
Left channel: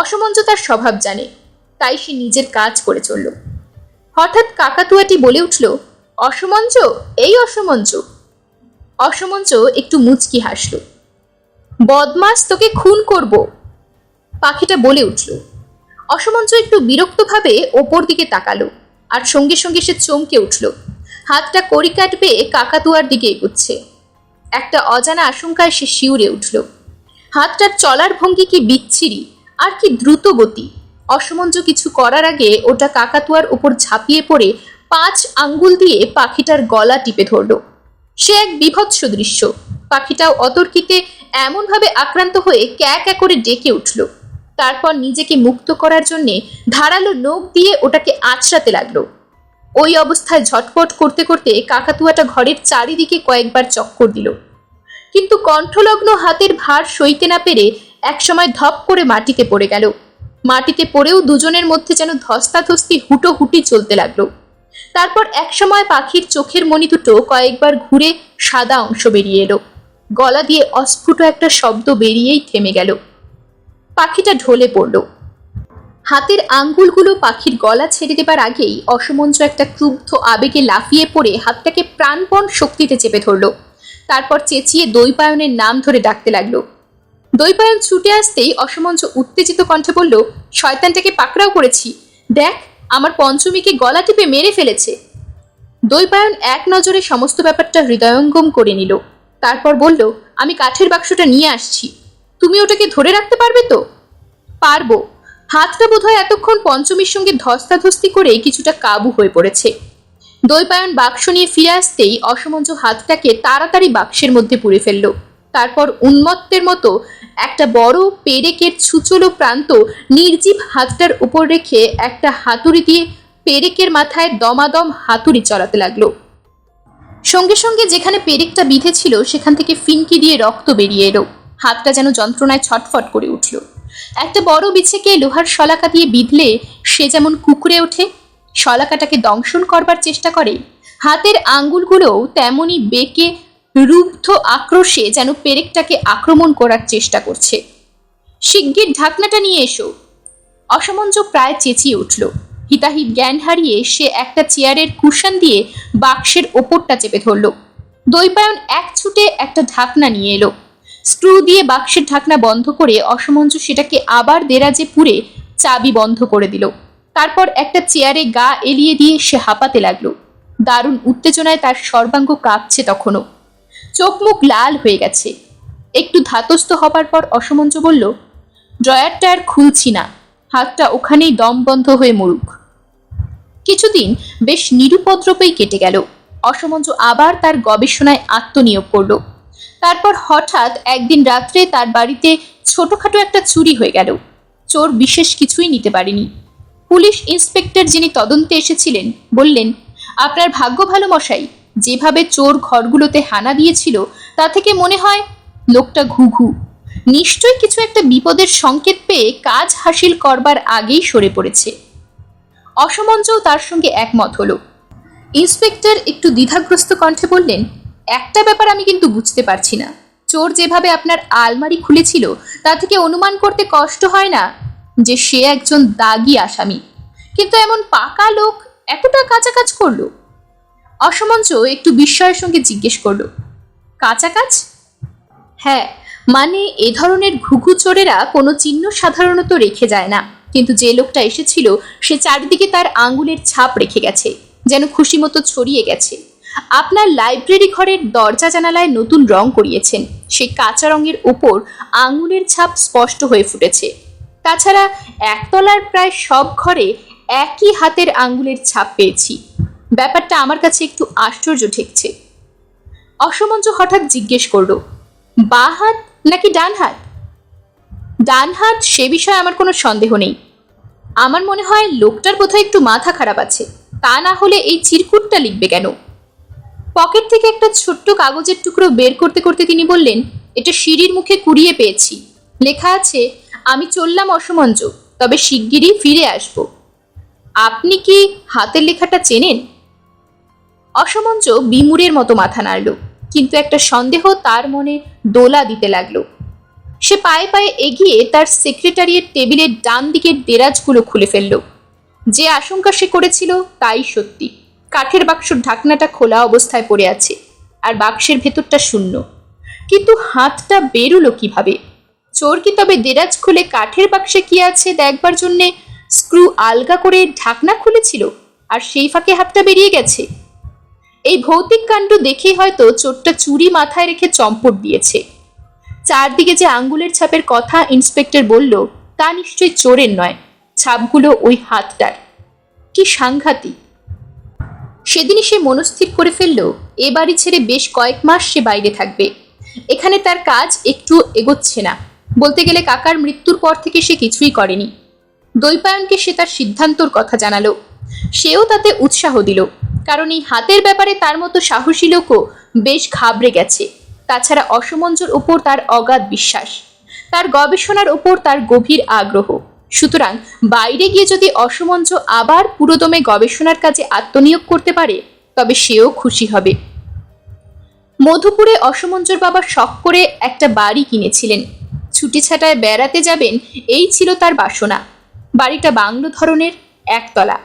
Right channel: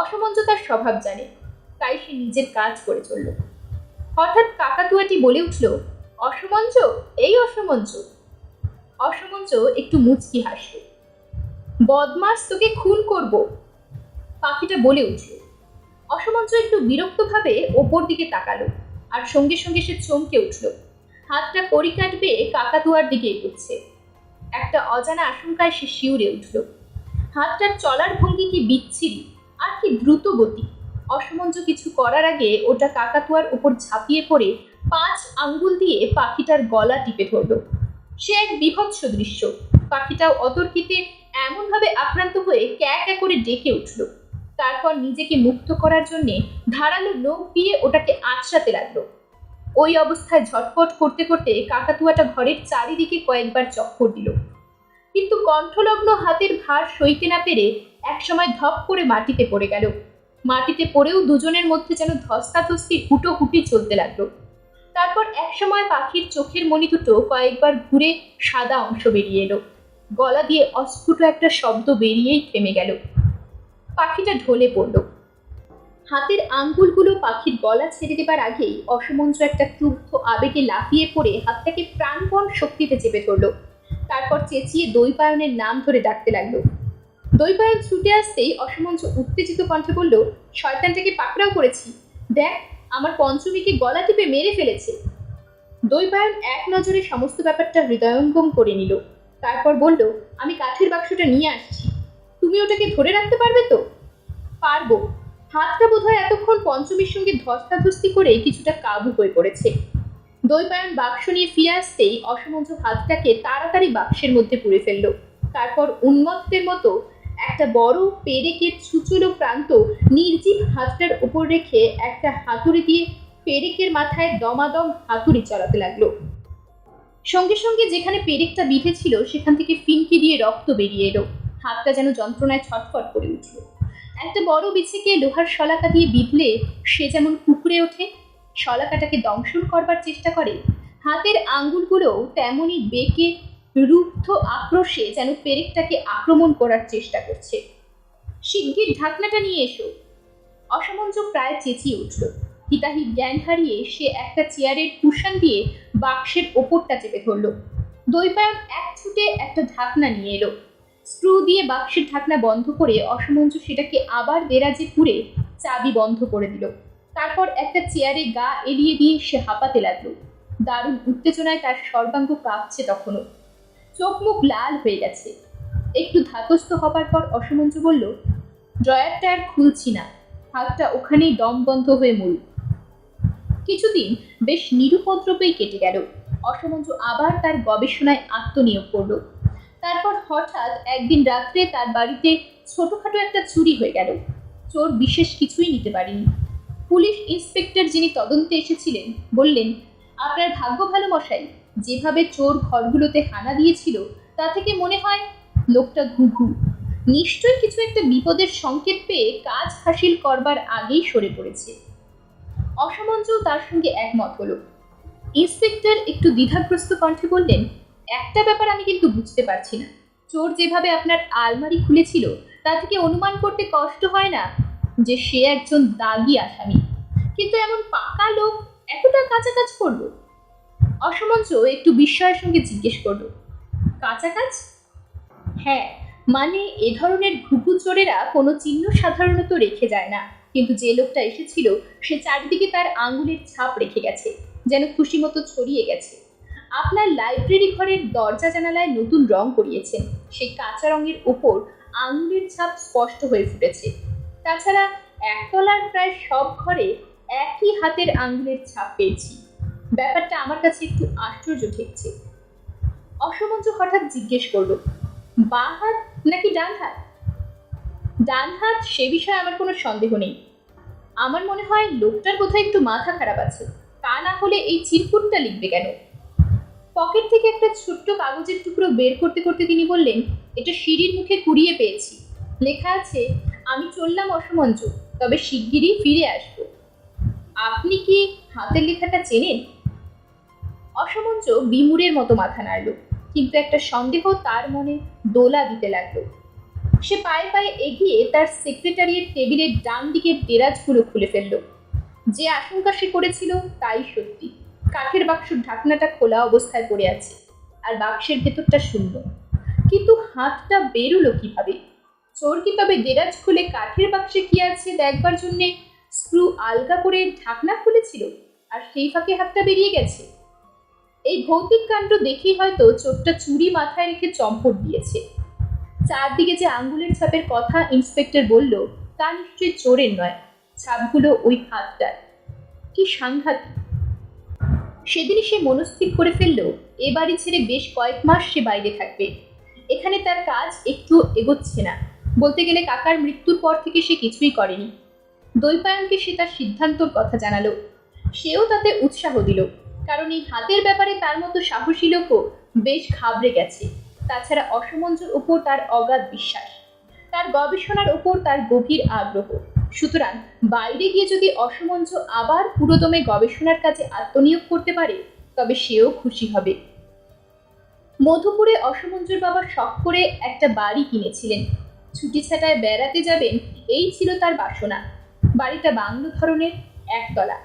অসমঞ্জ তার স্বভাব জানে, তাই সে নিজের কাজ করে চলল। হঠাৎ কাকাতুয়াটি বলে উঠল, অসমঞ্জ, এই অসমঞ্জ। অসমঞ্জ একটু মুচকি হাসল। বদমাস, তোকে খুন করব, পাখিটা বলে উঠল। অসমঞ্জ একটু বিরক্তভাবে ওপর দিকে তাকালো, আর সঙ্গে সঙ্গে সে চমকে উঠল। হাতটা কড়ি কাটবে কাকাতুয়ার দিকে এগুচ্ছে। একটা অজানা আশঙ্কায় সে শিউরে উঠল। হাতটার চলার ভঙ্গি কি বিচ্ছিরি, আর কি দ্রুত গতি! অসমঞ্জ কিছু করার আগে ওটা কাকাতুয়ার উপর ঝাঁপিয়ে পড়ে 5 আঙ্গুল দিয়ে পাখিটার গলা টিপে ধরল। সে এক বীভৎস দৃশ্য। পাখিটাও অতর্কিতে এমনভাবে আক্রান্ত হয়ে ক্যা ক্যা করে ডেকে উঠল। তারপর নিজেকে মুক্ত করার জন্যে ধারালো নখ দিয়ে ওটাকে আঁচড়াতে লাগলো। ওই অবস্থায় ঝটপট করতে করতে কাকাতুয়াটা ঘরের চারিদিকে কয়েকবার চক্কর দিল, কিন্তু কণ্ঠলগ্ন হাতের ভার সইতে না পেরে একসময় ধপ করে মাটিতে পড়ে গেল। মাটিতে পড়েও দুজনের মধ্যে যেন ধস্তাধস্তি হুটোহুটি চলতে লাগলো। তারপর একসময় পাখির চোখের মণি দুটো কয়েকবার ঘুরে সাদা অংশ বেরিয়ে এলো। গলা দিয়ে অস্ফুট একটা শব্দ বেরিয়েই থেমে গেল। পাখিটা ঢলে পড়ল। হাতের আঙ্গুলগুলো পাখির গলা ছেড়ে দেবার আগেই অসমঞ্জ একটা ক্রুব্ধ আবেগে লাফিয়ে পড়ে হাতটাকে প্রাণপণ শক্তিতে চেপে ধরল। তারপর চেঁচিয়ে দৈপায়নের নাম ধরে ডাকতে লাগলো। দৈপায়ন ছুটে আসতেই অসমঞ্জ উত্তেজিত কণ্ঠে বলল, শয়তানটাকে পাকড়াও করেছি, দেখ আমার পঞ্চমীকে গলা টিপে মেরে ফেলেছে। দৈপায়ন এক নজরে সমস্ত ব্যাপারটা হৃদয়ঙ্গম করে নিল। তারপর বলল, আমি কাঠের বাক্সটা নিয়ে আসছি, তুমি ওটাকে ধরে রাখতে পারবে তো? পারবো। হাতটা বোধহয় এতক্ষণ পঞ্চমীর সঙ্গে ধস্তাধস্তি করে কিছুটা কাবু হয়ে পড়েছে। দৈপায়ন বাক্স নিয়ে ফিরে আসতেই অসমঞ্জ হাতটাকে তাড়াতাড়ি বাক্সের মধ্যে পুরে ফেলল। তারপর উন্মত্তের মতো একটা বড় পেরেকের ছুচলো প্রান্ত নির্জীব হাতটার উপর রেখে একটা হাতুড়ি দিয়ে পেরেকের মাথায় দমাদম হাতুড়ি চলাতে লাগলো। সঙ্গে সঙ্গে যেখানে পেরেকটা বিঁধেছিল সেখান থেকে ফিনকি দিয়ে রক্ত বেরিয়ে এলো। হাতটা যেন যন্ত্রণায় ছটফট করে উঠল। একটা বড় বিছেকে লোহার শলাকা দিয়ে বিঁধলে সে যেমন কুঁকড়ে ওঠে, শলাকাটাকে দংশন করবার চেষ্টা করে, হাতের আঙ্গুলগুলোও তেমনি বেঁকে রুদ্ধ আক্রোশে যেন পেরেকটাকে আক্রমণ করার চেষ্টা করছে। শিগগির ঢাকনাটা নিয়ে এসো। অসমঞ্জ প্রায় চেঁচিয়ে উঠল। হিতাহিত জ্ঞান হারিয়ে সে একটা চেয়ারের কুশন দিয়ে বাক্সের ওপরটা চেপে ধরল। দৈপায়ন এক ছুটে একটা ঢাকনা নিয়ে এলো। স্ক্রু দিয়ে বাক্সের ঢাকনা বন্ধ করে অসমঞ্জ সেটাকে আবার দেরাজে পুরে চাবি বন্ধ করে দিল। তারপর একটা চেয়ারে গা এলিয়ে দিয়ে সে হাঁপাতে লাগলো। দারুণ উত্তেজনায় তার সর্বাঙ্গ কাঁপছে তখনও। চোখ মুখ লাল হয়ে গেছে। একটু ধাতস্থ হবার পর অসমঞ্জ বলল, ড্রয়ারটা আর খুলছি না, হাতটা ওখানেই দম বন্ধ হয়ে মরুক। কিছুদিন বেশ নিরুপদ্রবেই কেটে গেল। অসমঞ্জ আবার তার গবেষণায় আত্মনিয়োগ করল। তারপর হঠাৎ একদিন রাত্রে তার বাড়িতে ছোটখাটো একটা চুরি হয়ে গেল। চোর বিশেষ কিছুই নিতে পারেনি। পুলিশ ইন্সপেক্টর যিনি তদন্তে এসেছিলেন বললেন, আপনার ভাগ্য ভালো মশাই, যেভাবে চোর ঘরগুলোতে হানা দিয়েছিল তা থেকে মনে হয় লোকটা ঘুঘু, নিশ্চয়ই কিছু একটা বিপদের সংকেত পেয়ে কাজ হাসিল করবার আগেই সরে পড়েছে। অসমঞ্জও তার সঙ্গে একমত হলো। ইন্সপেক্টর একটু দ্বিধাগ্রস্ত কণ্ঠে বললেন, একটা ব্যাপার আমি কিন্তু বুঝতে পারছি না, চোর যেভাবে আপনার আলমারি খুলেছিল তা থেকে অনুমান করতে কষ্ট হয় না যে সে একজন দাগী আসামি, কিন্তু এমন পাকা লোক এতটা কাঁচা কাজ করলো? অসমঞ্জ একটু বিস্ময়ের সঙ্গে জিজ্ঞেস করলো, কাঁচা কাজ? হ্যাঁ, মানে এ ধরনের ঘুঘু চোরেরা কোনো চিহ্ন সাধারণত রেখে যায় না, কিন্তু যে লোকটা এসেছিল সে চারিদিকে তার আঙ্গুলের ছাপ রেখে গেছে, যেন খুশি মতো ছড়িয়ে গেছে। আপনার লাইব্রেরি ঘরের দরজা জানালায় নতুন রং করিয়েছেন, সেই কাঁচা রঙের ওপর আঙ্গুলের ছাপ স্পষ্ট হয়ে ফুটেছে। তাছাড়া একতলার প্রায় সব ঘরে একই হাতের আঙ্গুলের ছাপ পেয়েছি। ব্যাপারটা আমার কাছে একটু আশ্চর্য ঠেকছে। অসমঞ্জ হঠাৎ জিজ্ঞেস করলো, বাঁ হাত নাকি ডান হাত? ডান হাত সে বিষয়ে আমার কোনো সন্দেহ নেই। আমার মনে হয় লোকটার বোধহয় একটু মাথা খারাপ আছে, তা না হলে এই চিরকুটটা লিখবে কেন? পকেট থেকে একটা ছোট্ট কাগজের টুকরো বের করতে করতে তিনি বললেন, এটা সিঁড়ির মুখে কুড়িয়ে পেয়েছি। লেখা আছে, আমি চললাম অসমঞ্জ, তবে শিগগিরই ফিরে আসব। আপনি কি হাতের লেখাটা চেনেন? অসমঞ্জ বিমূঢ়ের মতো মাথা নাড়ল, কিন্তু একটা সন্দেহ তার মনে দোলা দিতে লাগলো। সে পায়ে পায়ে এগিয়ে তার সেক্রেটারিয়েট টেবিলের ডান দিকের দেরাজগুলো খুলে ফেলল। যে আশঙ্কা সে করেছিল তাই সত্যি। কাঠের বাক্সর ঢাকনাটা খোলা অবস্থায় পড়ে আছে, আর বাক্সের ভেতরটা শূন্য। কিন্তু হাতটা বেরোলো কিভাবে? চোর কি তবে দেরাজ খুলে কাঠের বাক্সে কি আছে দেখবার জন্যে স্ক্রু আলগা করে ঢাকনা খুলেছিল, আর সেই ফাঁকে হাতটা বেরিয়ে গেছে? এই ভৌতিক কাণ্ড দেখেই হয়তো চোরটা চুরি মাথায় রেখে চম্পট দিয়েছে। চারদিকে যে আঙ্গুলের ছাপের কথা ইন্সপেক্টর বলল, তা নিশ্চয়ই চোরের নয়, ছাপগুলো ওই হাতটার। কি সাংঘাতিক! সেদিনই সে মনস্থির করে ফেলল, এ বাড়ি ছেড়ে বেশ কয়েক মাস সে বাইরে থাকবে। এখানে তার কাজ একটু এগোচ্ছে না। বলতে গেলে কাকার মৃত্যুর পর থেকে সে কিছুই করেনি। দৈপায়নকে সে তার সিদ্ধান্তর কথা জানালো। সেও তাতে উৎসাহ দিল, কারণ এই হাতের ব্যাপারে তার মতো সাহসী লোকও বেশ ঘাবড়ে গেছে। তাছাড়া অসমঞ্জর ওপর তার অগাধ বিশ্বাস, তার গবেষণার ওপর তার গভীর আগ্রহ। সুতরাং বাইরে গিয়ে যদি অসমঞ্জ আবার পুরোদমে গবেষণার কাজে আত্মনিয়োগ করতে পারে, তবে সেও খুশি হবে। মধুপুরে অসমঞ্জর বাবা শখ করে একটা বাড়ি কিনেছিলেন। ছুটি ছাটায় বেড়াতে যাবেন, এই ছিল তার বাসনা। বাড়িটা বাংলো ধরনের, একতলা।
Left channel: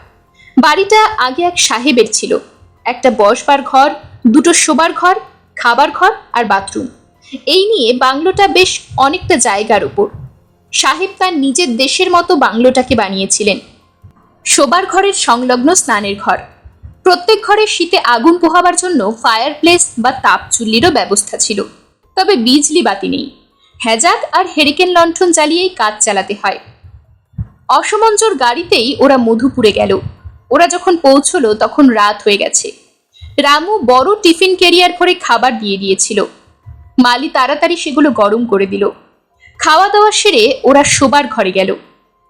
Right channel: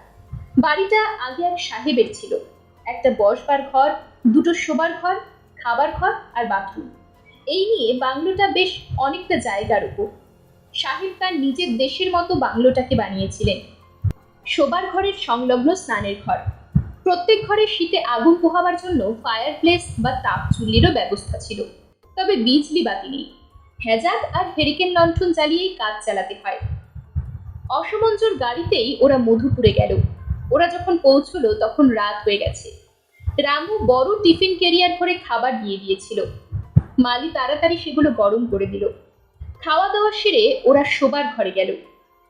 বাড়িটা আগে এক সাহেবের ছিল। একটা বসবার ঘর, দুটো শোবার ঘর, খাবার ঘর আর বাথরুম। এই নিয়ে বাংলোটা বেশ অনেকটা জায়গার উপর। সাহেব তার নিজের দেশের মতো বাংলোটাকে বানিয়েছিলেন। শোবার ঘরের সংলগ্ন স্নানের ঘর। প্রত্যেক ঘরে শীতে আগুন পোহাবার জন্য ফায়ার প্লেস বা তাপ চুল্লিরও ব্যবস্থা ছিল। তবে বিজলি বাতি নেই। হ্যাজাক আর হেরিকেন লণ্ঠন জ্বালিয়েই কাজ চালাতে হয়। অসমঞ্জর গাড়িতেই ওরা মধুপুরে গেল। ওরা যখন পৌঁছলো তখন রাত হয়ে গেছে। রামু বড় টিফিন ক্যারিয়ার ভরে খাবার দিয়ে দিয়েছিল। মালি তাড়াতাড়ি সেগুলো গরম করে দিল। খাওয়া দাওয়া সেরে ওরা শোবার ঘরে গেল।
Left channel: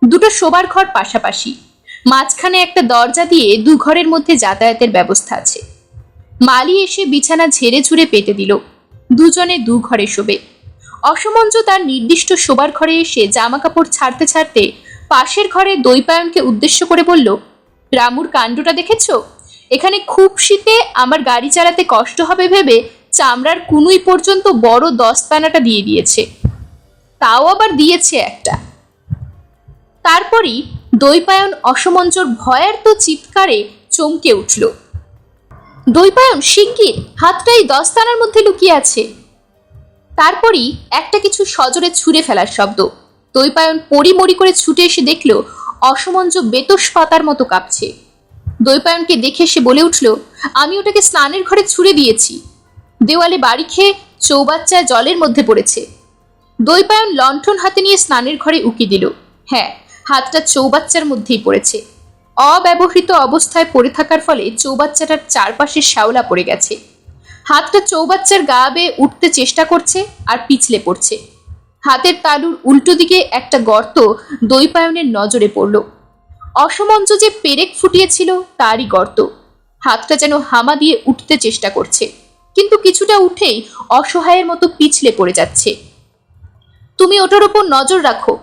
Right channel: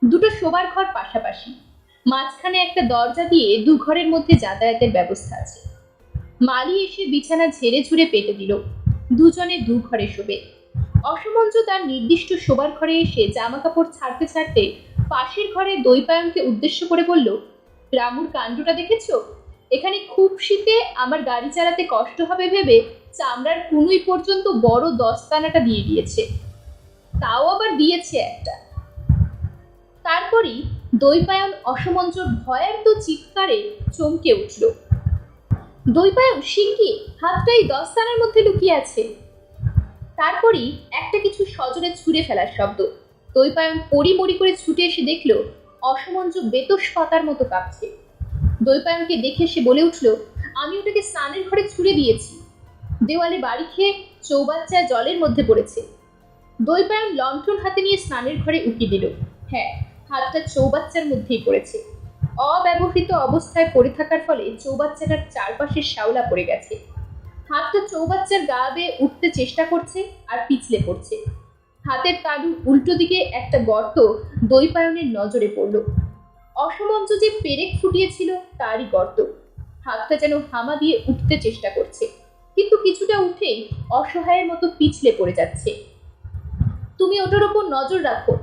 দুটো শোবার ঘর পাশাপাশি, মাঝখানে একটা দরজা দিয়ে দু ঘরের মধ্যে যাতায়াতের ব্যবস্থা আছে। মালি এসে বিছানা ঝেড়ে ঝুড়ে পেতে দিল। দুজনে দু ঘরে শোবে। অসমঞ্জ তার নির্দিষ্ট শোবার ঘরে এসে জামা কাপড় ছাড়তে ছাড়তে পাশের ঘরে দৈপায়নকে উদ্দেশ্য করে বলল, রামুর কাণ্ডটা দেখেছ? এখানে খুব শীতে আমার গাড়ি চালাতে কষ্ট হবে ভেবে চামড়ার কুনুই পর্যন্ত বড় দস্তানাটা দিয়ে দিয়েছে। তাও আবার দিয়েছে একটা। তারপরই দৈপায়ন অসমঞ্জর ভয়ার্ত চিৎকারে চমকে উঠল। দৈপায়ন, শিগগির, হাতটা এই দস্তানার মধ্যে লুকিয়ে আছে। তারপরই একটা কিছু সজোরে ছুঁড়ে ফেলার শব্দ। দৈপায়ন পরিমরি করে ছুটে এসে দেখল অসমঞ্জ বেতস পাতার মতো কাঁপছে। দৈপায়নকে দেখে সে বলে উঠল, আমি ওটাকে স্নানের ঘরে ছুঁড়ে দিয়েছি। দেওয়ালে বাড়ি খেয়ে চৌবাচ্চায় জলের মধ্যে পড়েছে। দৈপায়ন লণ্ঠন হাতে নিয়ে স্নানের ঘরে উকি দিল। হ্যাঁ, হাতটা চৌবাচ্চার মধ্যেই পড়েছে। অব্যবহৃত অবস্থায় পড়ে থাকার ফলে চৌবাচ্চাটার চারপাশে শ্যাওলা পড়ে গেছে। হাতটা চৌবাচ্চার গা বেয়ে উঠতে চেষ্টা করছে আর পিছলে পড়ছে। হাতের তালুর উল্টো দিকে একটা গর্ত দৈপায়নের নজরে পড়ল। অসমঞ্জ যে পেরেক ফুটিয়েছিল তারই গর্ত। হাতটা যেন হামা দিয়ে উঠতে চেষ্টা করছে, কিন্তু কিছুটা উঠেই অসহায়ের মতো পিছলে পড়ে যাচ্ছে। তুমি ওটার ওপর নজর রাখো,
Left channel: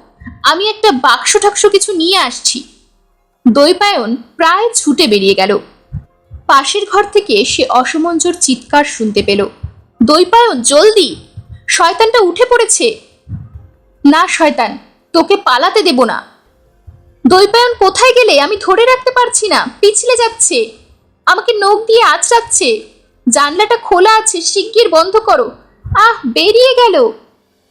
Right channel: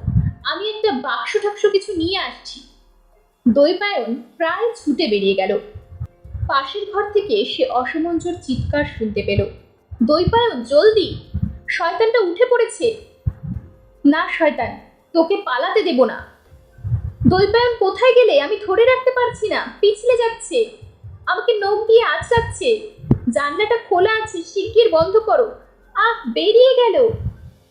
আমি একটা বাক্স টাক্স কিছু নিয়ে আসছি। দৈপায়ন প্রায় ছুটে বেরিয়ে গেল। পাশের ঘর থেকে সে অসমঞ্জর চিৎকার শুনতে পেল, দৈপায়ন, জলদি, শয়তানটা উঠে পড়েছে। না শয়তান, তোকে পালাতে দেব না। দৈপায়ন, কোথায় গেলে? আমি ধরে রাখতে পারছি না, পিছলে যাচ্ছে, আমাকে নখ দিয়ে আঁচড়াচ্ছে। জানলাটা খোলা আছে, শিগগির বন্ধ করো। আহ, বেরিয়ে গেল।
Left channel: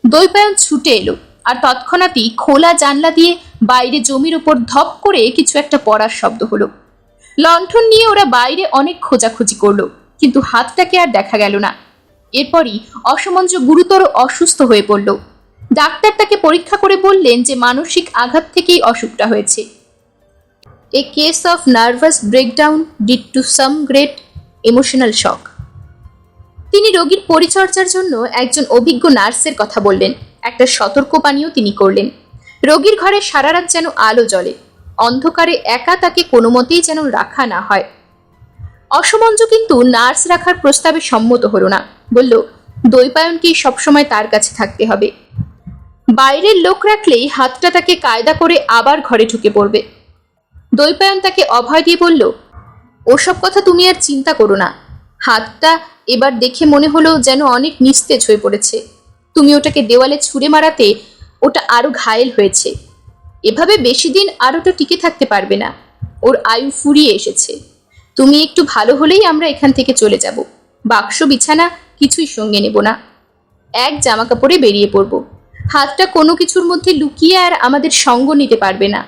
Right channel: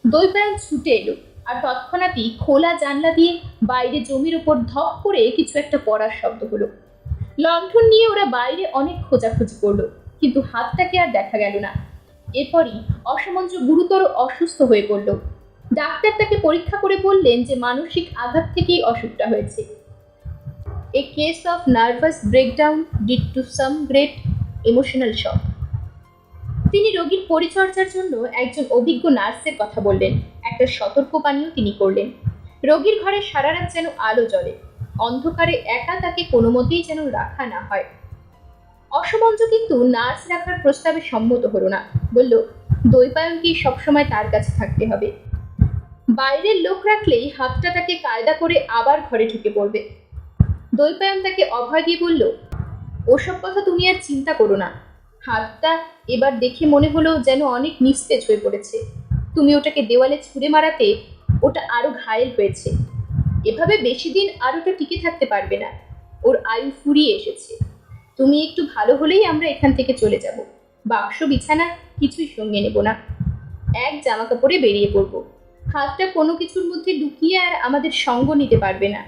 দৈপায়ন ছুটে এলো, আর তৎক্ষণাৎই খোলা জানলা দিয়ে বাইরে জমির ওপর ধপ করে কিছু একটা পড়ার শব্দ হলো। লণ্ঠন নিয়ে ওরা বাইরে অনেক খোঁজাখুঁজি করলো, কিন্তু হাতটাকে আর দেখা গেল না। এরপরই অসমঞ্জ গুরুতর অসুস্থ হয়ে পড়ল। ডাক্তার তাকে পরীক্ষা করে বললেন যে মানসিক আঘাত থেকেই অসুখটা হয়েছে। A case of nervous breakdown due to some great emotional shock. তিনি রোগীর পরিচর্যার জন্য একজন অভিজ্ঞ নার্সের কথা বললেন। একটা সতর্কবাণীও তিনি করলেন, রোগীর ঘরে সারা রাত যেন আলো জ্বলে, অন্ধকারে একা তাকে কোনো মতেই যেন রাখা না হয়। অসমঞ্জ কিন্তু নার্স রাখার প্রস্তাবে সম্মত হলো না। বলল, দৈপায়নকেই সবসময় তার কাছে থাকতে হবে। বাইরের লোক রাখলেই হাতটা তাকে কায়দা করে আবার ঘরে ঢুকে পড়বে। দৈপায়ন তাকে অভয় দিয়ে বলল, ওসব কথা তুমি আর চিন্তা করো না। হাতটা এবার দেখে মনে হলো যেন অনেক নিস্তেজ হয়ে পড়েছে। তুমি ওটাকে দেওয়ালে ছুঁড়ে মারাতে ওটা আরো ঘায়েল হয়েছে। এভাবে বেশি দিন আর ওটা টিকে থাকতে পারবে না, ওর আয়ু ফুরিয়ে এসেছে। তুমি একটু ভালো হলেই আমরা এখান থেকে চলে যাব। বাক্স বিছানা কিছুই সঙ্গে নেব না, এক জামা কাপড়ে বেরিয়ে পড়ব। হাতটা কোনো কিছুর মধ্যে লুকিয়ে আর আমাদের সঙ্গ নিতে পারবে না।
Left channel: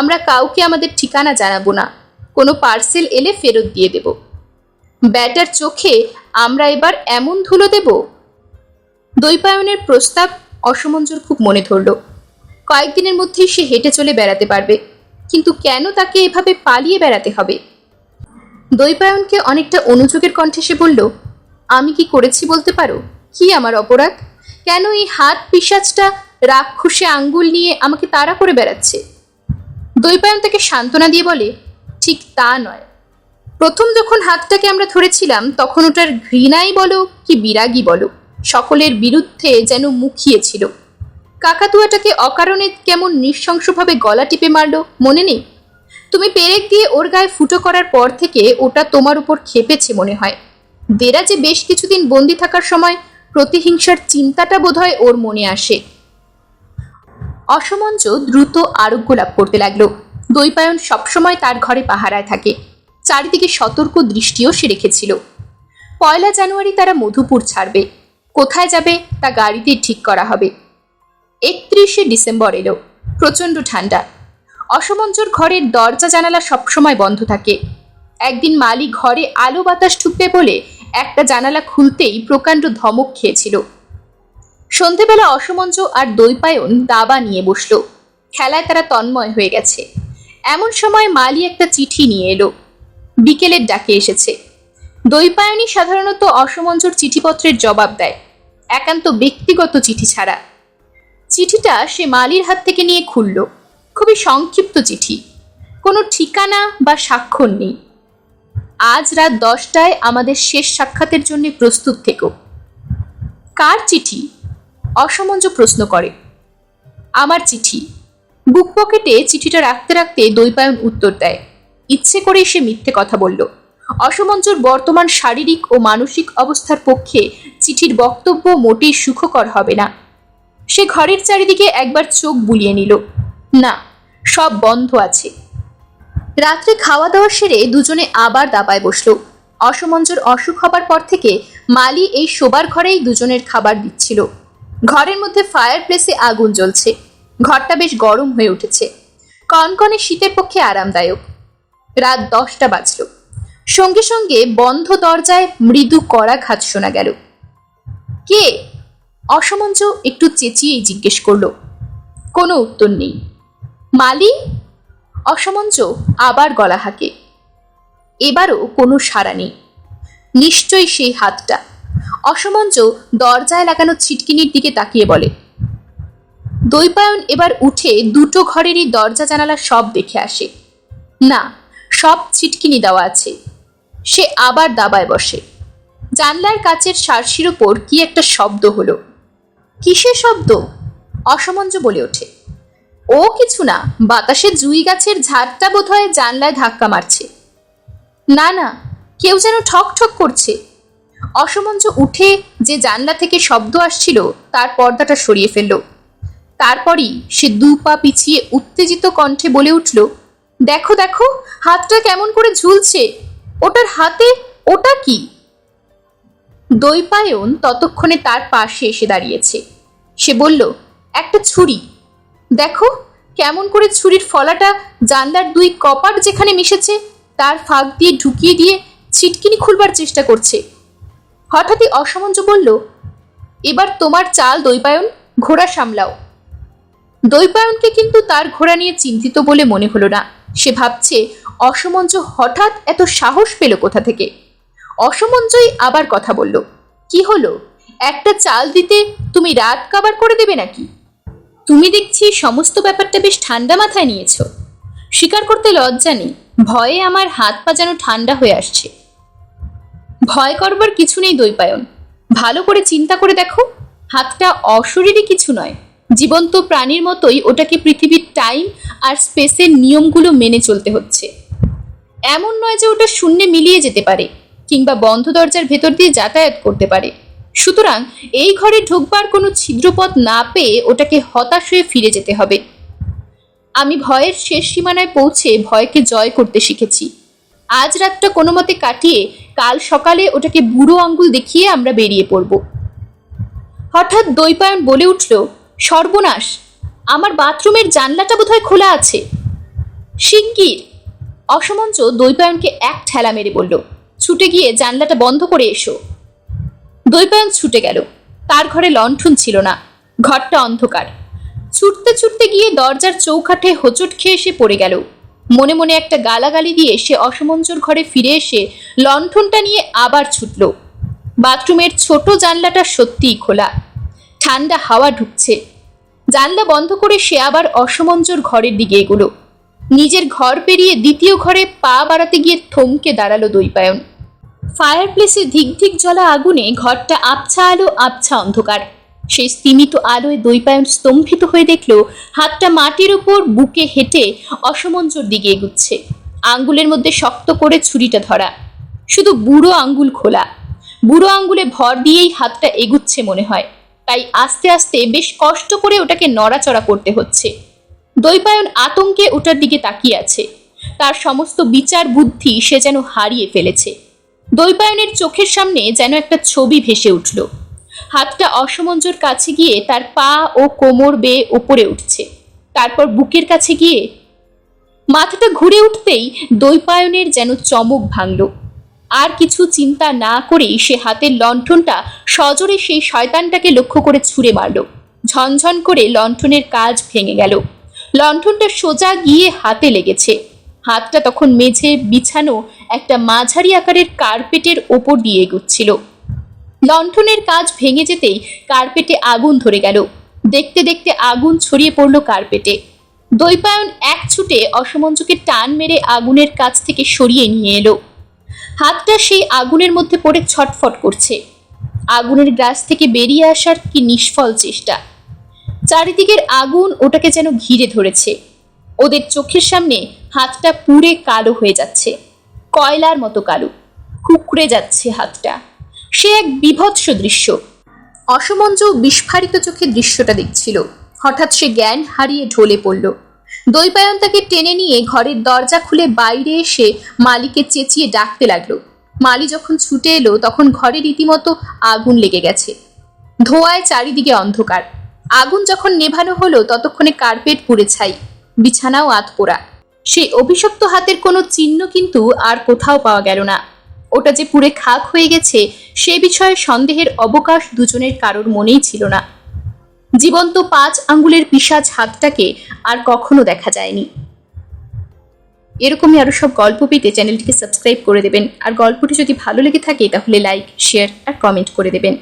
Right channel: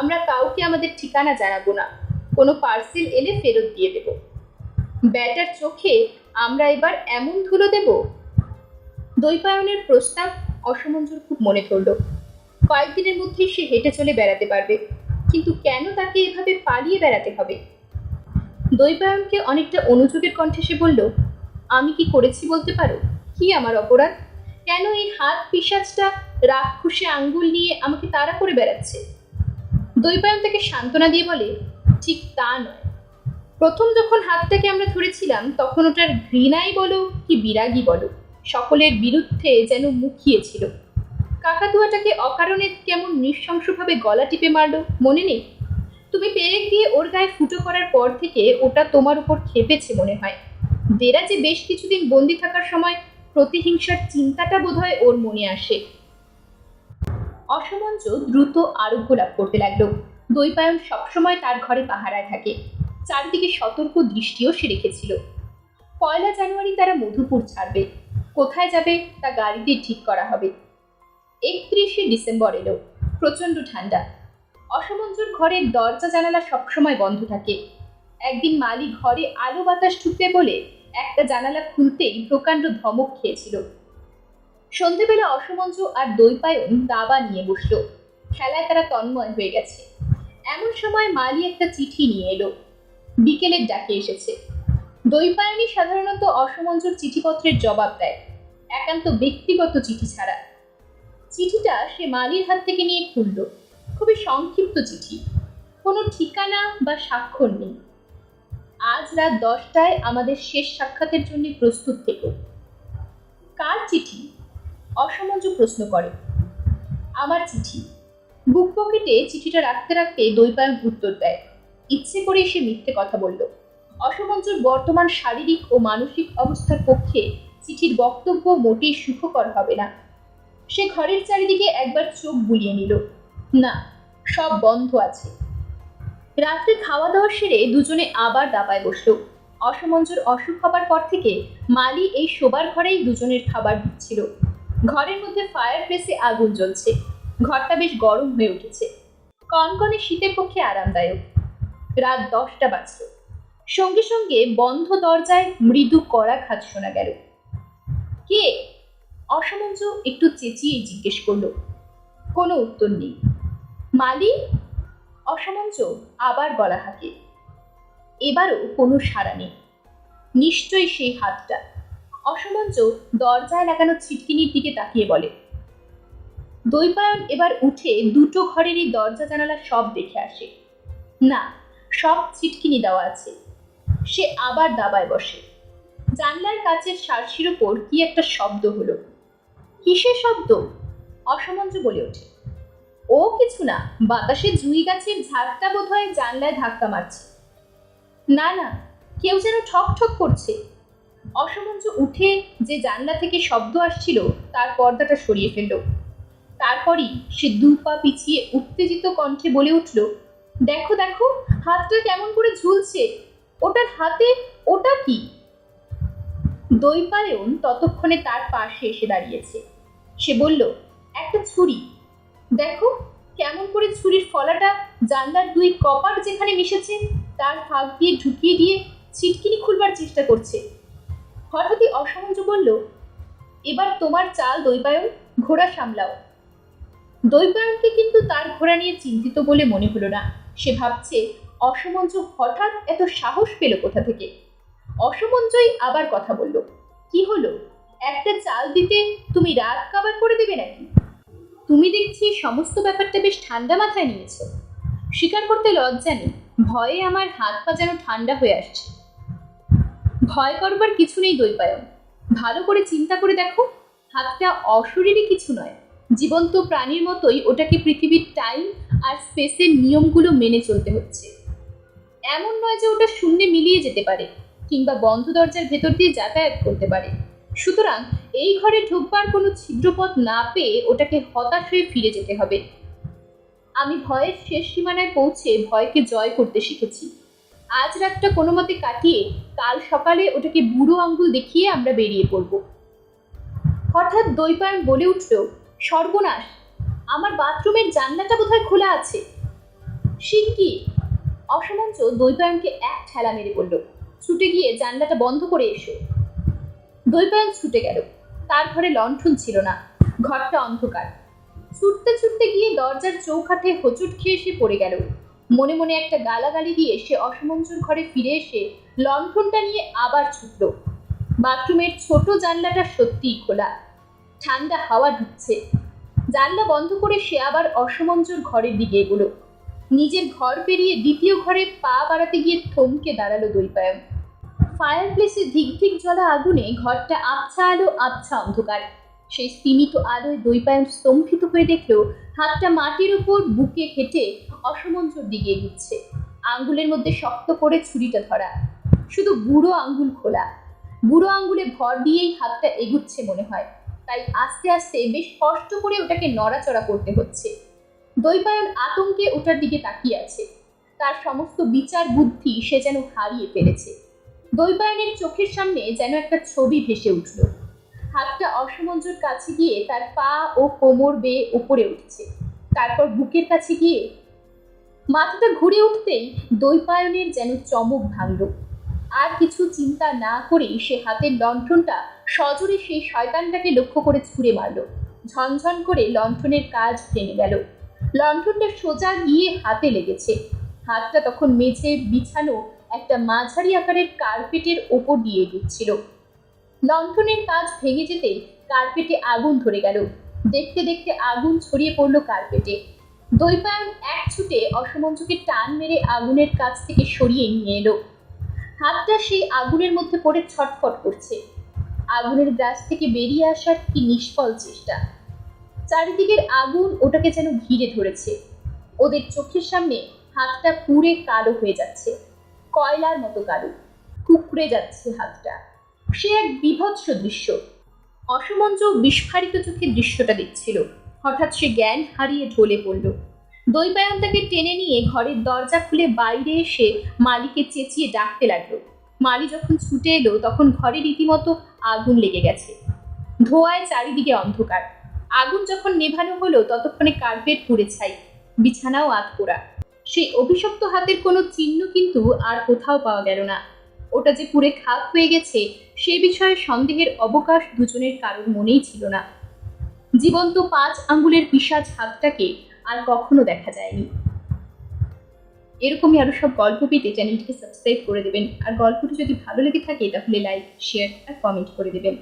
আমরা কাউকে আমাদের ঠিকানা জানাবো না, কোনো পার্সেল এলে ফেরত দিয়ে দেব। ব্যাটার চোখে আমরা এবার এমন ধুলো দেব। দৈপায়নের প্রস্তাব অসমঞ্জুর খুব মনে ধরল। কয়েকদিনের মধ্যেই সে হেঁটে চলে বেড়াতে পারবে, কিন্তু কেন তাকে এভাবে পালিয়ে বেড়াতে হবে? দৈপায়নকে অনেকটা অনুযোগের কণ্ঠে সে বলল, আমি কি করেছি বলতে পারো? কি আমার অপরাধ? কেন এই হাত পিশাচটা রাক্ষসে আঙ্গুল নিয়ে আমাকে তাড়া করে বেড়াচ্ছে? দৈপায়ন তাকে সান্ত্বনা দিয়ে বলে, ঠিক তা নয়। প্রথম যখন হাতটাকে আমরা ধরেছিলাম তখন ওটার ঘৃণাই বলো কি বিরাগী বলো, সকলের বিরুদ্ধে যেন মুখিয়েছিল। কাকাতুয়াটাকে অকারণে কেমন নৃশংসভাবে গলা টিপে মারলো, মনে নেই? তুমি পেরেক দিয়ে ওর গায়ে ফুটো করার পর থেকে ওটা তোমার উপর খেপেছে মনে হয়। দেরাজে বেশ কিছুদিন বন্দি থাকার সময় প্রতিহিংসার চিন্তাটা বোধহয় ওর মনে আসে। অসমঞ্জ দ্রুত আরোগ্য লাভ করতে লাগলো। দৈপায়ন সবসময় তার ঘরে পাহারায় থাকে, চারিদিকে সতর্ক দৃষ্টিও সে রেখেছিল। 1 জানুয়ারি তারা মধুপুর ছাড়বে। কোথায় যাবে তা গাড়িতে ঠিক করা হবে। 31 ডিসেম্বর এলো। প্রচণ্ড ঠান্ডা। অসমঞ্জর ঘরের দরজা জানালা সবসময় বন্ধ থাকে। একদিন মালি ঘরে আলো বাতাস ঢুকবে বলে একটা জানালা খুলতেই প্রকাণ্ড ধমক খেয়েছিল। সন্ধেবেলা অসমঞ্জ আর দৈপায়ন দাবা নিয়ে বসলো। খেলায় তারা তন্ময় হয়ে গেছে। এমন সময় মালি একটা চিঠি নিয়ে এলো। বিকেলের ডাকে এসেছে। দৈপায়নই সাধারণত অসমঞ্জর চিঠিপত্রের জবাব দেয়, একান্ত ব্যক্তিগত চিঠি ছাড়া। চিঠিটা সে মালির হাত থেকে নিয়ে খুলল। খুবই সংক্ষিপ্ত চিঠি, কোনো ঠিকানা বা স্বাক্ষর নেই। আজ রাত 10টায় আমাদের শেষ সাক্ষাতের জন্য প্রস্তুত থেকো। কার চিঠি? অসমঞ্জ প্রশ্ন করে। আমার চিঠি। বুক পকেটে চিঠিটা রাখতে রাখতে দৈপায়ন উত্তর দেয়, ইচ্ছে করেই সে মিথ্যে কথা বলল। অসমঞ্জর বর্তমান শারীরিক ও মানসিক অবস্থার পক্ষে চিঠির বক্তব্য মোটেই সুখকর হবে না। সে ঘরের চারিদিকে একবার চোখ বুলিয়ে নিল। না, সব বন্ধ আছে। রাত্রে খাওয়া দাওয়া সেরে দুজনে আবার দাবায় বসল। অসমঞ্জর অসুখ হবার পর থেকে মালি এই শোবার ঘরেই দুজনের খাবার দিচ্ছিল। ঘরের মধ্যে ফায়ার প্লেসে আগুন জ্বলছে। ঘরটা বেশ গরম হয়ে উঠেছে, কনকনে শীতের পক্ষে আরামদায়ক। রাত 10টা বাজল। সঙ্গে সঙ্গে বন্ধ দরজায় মৃদু কড়াঘাত শোনা গেল। কে? অসমঞ্জ একটু চেঁচিয়েই জিজ্ঞেস করল। কোনো উত্তর নেই। মালি? অসমঞ্জ আবার গলা হাঁকে। এবারও কোনো সাড়া নেই। নিশ্চয়ই সেই হাতটা। অসমঞ্জ দরজায় লাগানো ছিটকিনির দিকে তাকিয়ে বলে। দৈপায়ন এবার উঠে দুটো ঘরেরই দরজা জানালা সব দেখে আসে। না, সব ছিটকিনি দেওয়া আছে। সে আবার দাবায় বসে। জানলার কাচের সার্সির ওপর কি একটা শব্দ হলো। কিসের শব্দ? অসমঞ্জ বলে ওঠে। ও কিছু না, বাতাসে জুই গাছের ঝাড়টা বোধহয় জানলায় ধাক্কা মারছে। না না, কেউ যেন ঠক ঠক করছে। অসমঞ্জ উঠে যে জানলা থেকে শব্দ আসছিল তার পর্দাটা সরিয়ে ফেলল। তারপরই সে 2 পা পিছিয়ে উত্তেজিত কণ্ঠে বলে উঠল, দেখো দেখো, হাতটা কেমন করে ঝুলছে। ওটার হাতে ওটা কি? দৈপায়ন ততক্ষণে তার পাশে এসে দাঁড়িয়েছে। সে বলল, একটা ছুরি। দেখো কেমন করে ছুরির ফলাটা জানলার 2 কপাট যেখানে মিশেছে তার ফাঁক দিয়ে ঢুকিয়ে দিয়ে ছিটকিনি খুলবার চেষ্টা করছে। হঠাৎই অসমঞ্জ বলল, এবার তোমার চাল দৈপায়ন, ঘোড়া সামলাও। দৈপায়নকে কিন্তু তার ঘোড়া নিয়ে চিন্তিত বলে মনে হলো না। সে ভাবছে অসমঞ্জ হঠাৎ এত সাহস পেল কোথা থেকে। অসমঞ্জই আবার কথা বলল, কি হলো? একটা চাল দিতে তুমি রাত কাবার করে দেবে নাকি? তুমি দেখছি সমস্ত ব্যাপারটা বেশ ঠান্ডা মাথায় নিয়েছ। স্বীকার করতে লজ্জা নেই, ভয়ে আমার হাত পা যেন ঠান্ডা হয়ে আসছে। ভয় করবার কিছু নেই দৈপায়ন। ভালো করে চিন্তা করে দেখো, হাতটা অশরীরী কিছু নয়। জীবন্ত প্রাণীর মতোই ওটাকে পৃথিবীর টাইম আর স্পেসের নিয়মগুলো মেনে চলতে হচ্ছে। এমন নয় যে ওটা শূন্যে মিলিয়ে যেতে পারে কিংবা বন্ধ দরজার ভেতর দিয়ে যাতায়াত করতে পারে। সুতরাং এই ঘরে ঢুকবার কোনো ছিদ্রপথ না পেয়ে ওটাকে হতাশ হয়ে ফিরে যেতে হবে। আমি ভয়ের শেষ সীমানায় পৌঁছে ভয়কে জয় করতে শিখেছি। আজ রাতটা কোনো মতে কাটিয়ে কাল সকালে ওটাকে বুড়ো আঙ্গুল দেখিয়ে আমরা বেরিয়ে পড়ব। হঠাৎ দৈপায়ন বলে উঠল, সর্বনাশ, আমার বাথরুমের জানলাটা বোধহয় খোলা আছে। শিগগির! অসমঞ্জ দৈপায়নকে এক ঠেলা মেরে বলল, ছুটে গিয়ে জানলাটা বন্ধ করে এসো। দৈপায়ন ছুটে গেল। তার ঘরে লণ্ঠন ছিল না, ঘরটা অন্ধকার। ছুটতে ছুটতে গিয়ে দরজার চৌকাঠে হোঁচট খেয়ে সে পড়ে গেল। মনে মনে একটা গালাগালি দিয়ে সে অসমঞ্জুর ঘরে ফিরে এসে লণ্ঠনটা নিয়ে আবার ছুটল। বাথরুমের ছোট জানলাটা সত্যিই খোলা, ঠান্ডা হাওয়া ঢুকছে। জানলা বন্ধ করে সে আবার অসমঞ্জুর ঘরের দিকে এগোলো। নিজের ঘর পেরিয়ে দ্বিতীয় ঘরে পা বাড়াতে গিয়ে থমকে দাঁড়ালো দৈপায়ন। ফায়ার প্লেসের ধিক ধিক জ্বলা আগুনে ঘরটা আবছা আলো, আবছা অন্ধকার। সেই স্তিমিত আলোয় দৈপায়ন স্তম্ভিত হয়ে দেখল হাতটা মাটির উপর বুকে হেঁটে অসমঞ্জুর দিকে এগুচ্ছে। আঙ্গুলের মধ্যে শক্ত করে ছুরিটা ধরা, শুধু বুড়ো আঙ্গুল খোলা। বুড়ো আঙ্গুলে ভর দিয়েই হাতটা এগুচ্ছে মনে হয়, তাই আস্তে আস্তে বেশ কষ্ট করে ওটাকে নড়াচড়া করতে হচ্ছে। দৈপায়ন আতঙ্কে ওটার দিকে তাকিয়ে আছে। তার সমস্ত বিচার বুদ্ধি সে যেন হারিয়ে ফেলেছে। দৈপায়নের চোখের সামনে যেন একটা ছবি ভেসে উঠল। হাতটা অসমঞ্জুর কাছে গিয়ে তার পা ও কোমর বেয়ে ওপরে উঠছে, তারপর বুকের কাছে গিয়ে মাথাটা ঘুরে উঠতেই দৈপায়নের যেন চমক ভাঙল। আর কিছু চিন্তা না করেই সে হাতের লণ্ঠনটা সজোরে সেই শয়তানটাকে লক্ষ্য করে ছুঁড়ে মারল। ঝনঝন করে লণ্ঠনের কাজ ভেঙে গেল। লণ্ঠনটা সোজা গিয়ে হাতে লেগেছে। হাতটা তখন মেঝে বিছানো একটা মাঝারি আকারের কার্পেটের ওপর দিয়ে এগোচ্ছিল। লণ্ঠনের কাজ ভেঙে যেতেই কার্পেটে আগুন ধরে গেল। দেখতে দেখতে আগুন ছড়িয়ে পড়ল কার্পেটে। দৈপায়ন এক ছুটে অসমঞ্জুকে টান মেরে আগুনের কাছ থেকে সরিয়ে নিয়ে এলো। হাতটা সেই আগুনের মধ্যে পড়ে ছটফট করছে। আগুনের গ্রাস থেকে বেরিয়ে আসার কি নিষ্ফল চেষ্টা। চারিদিকের আগুন ওটাকে যেন ঘিরে ধরেছে। ওদের চোখের সামনে হাতটা পুড়ে কালো হয়ে যাচ্ছে, কয়লার মতো কালো, কুকড়ে যাচ্ছে হাতটা। সে এক বীভৎস দৃশ্য। অসমঞ্জু বিস্ফারিত চোখে দৃশ্যটা দেখছিল। হঠাৎ সে জ্ঞান হারিয়ে ঢলে পড়ল। দৈপায়ন তাকে টেনে নিয়ে ঘরের দরজা খুলে বাইরে এসে মালিকে চেঁচিয়ে ডাকতে লাগলো। মালি যখন ছুটে এলো তখন ঘরে রীতিমতো আগুন লেগে গেছে। ধোঁয়ায় চারিদিকে অন্ধকার। আগুন যখন নেভানো হলো ততক্ষণে কার্পেট পুড়ে ছাই, বিছানাও আধপোড়া। সেই অভিশপ্ত হাতের কোনো চিহ্ন কিন্তু আর কোথাও পাওয়া গেল না। ওটা যে পুড়ে খাক হয়ে গেছে সে বিষয়ে সন্দেহের অবকাশ দুজনের কারোর মনেই ছিল না। জীবন্ত 5 আঙ্গুলের পিশাচ হাতটাকে আর কখনো দেখা যায়নি। এরকমই আরো সব গল্প পেতে চ্যানেলটিকে সাবস্ক্রাইব করে দেবেন। আর গল্পটি যদি ভালো লেগে থাকে তাহলে লাইক, শেয়ার আর কমেন্ট করে দেবেন।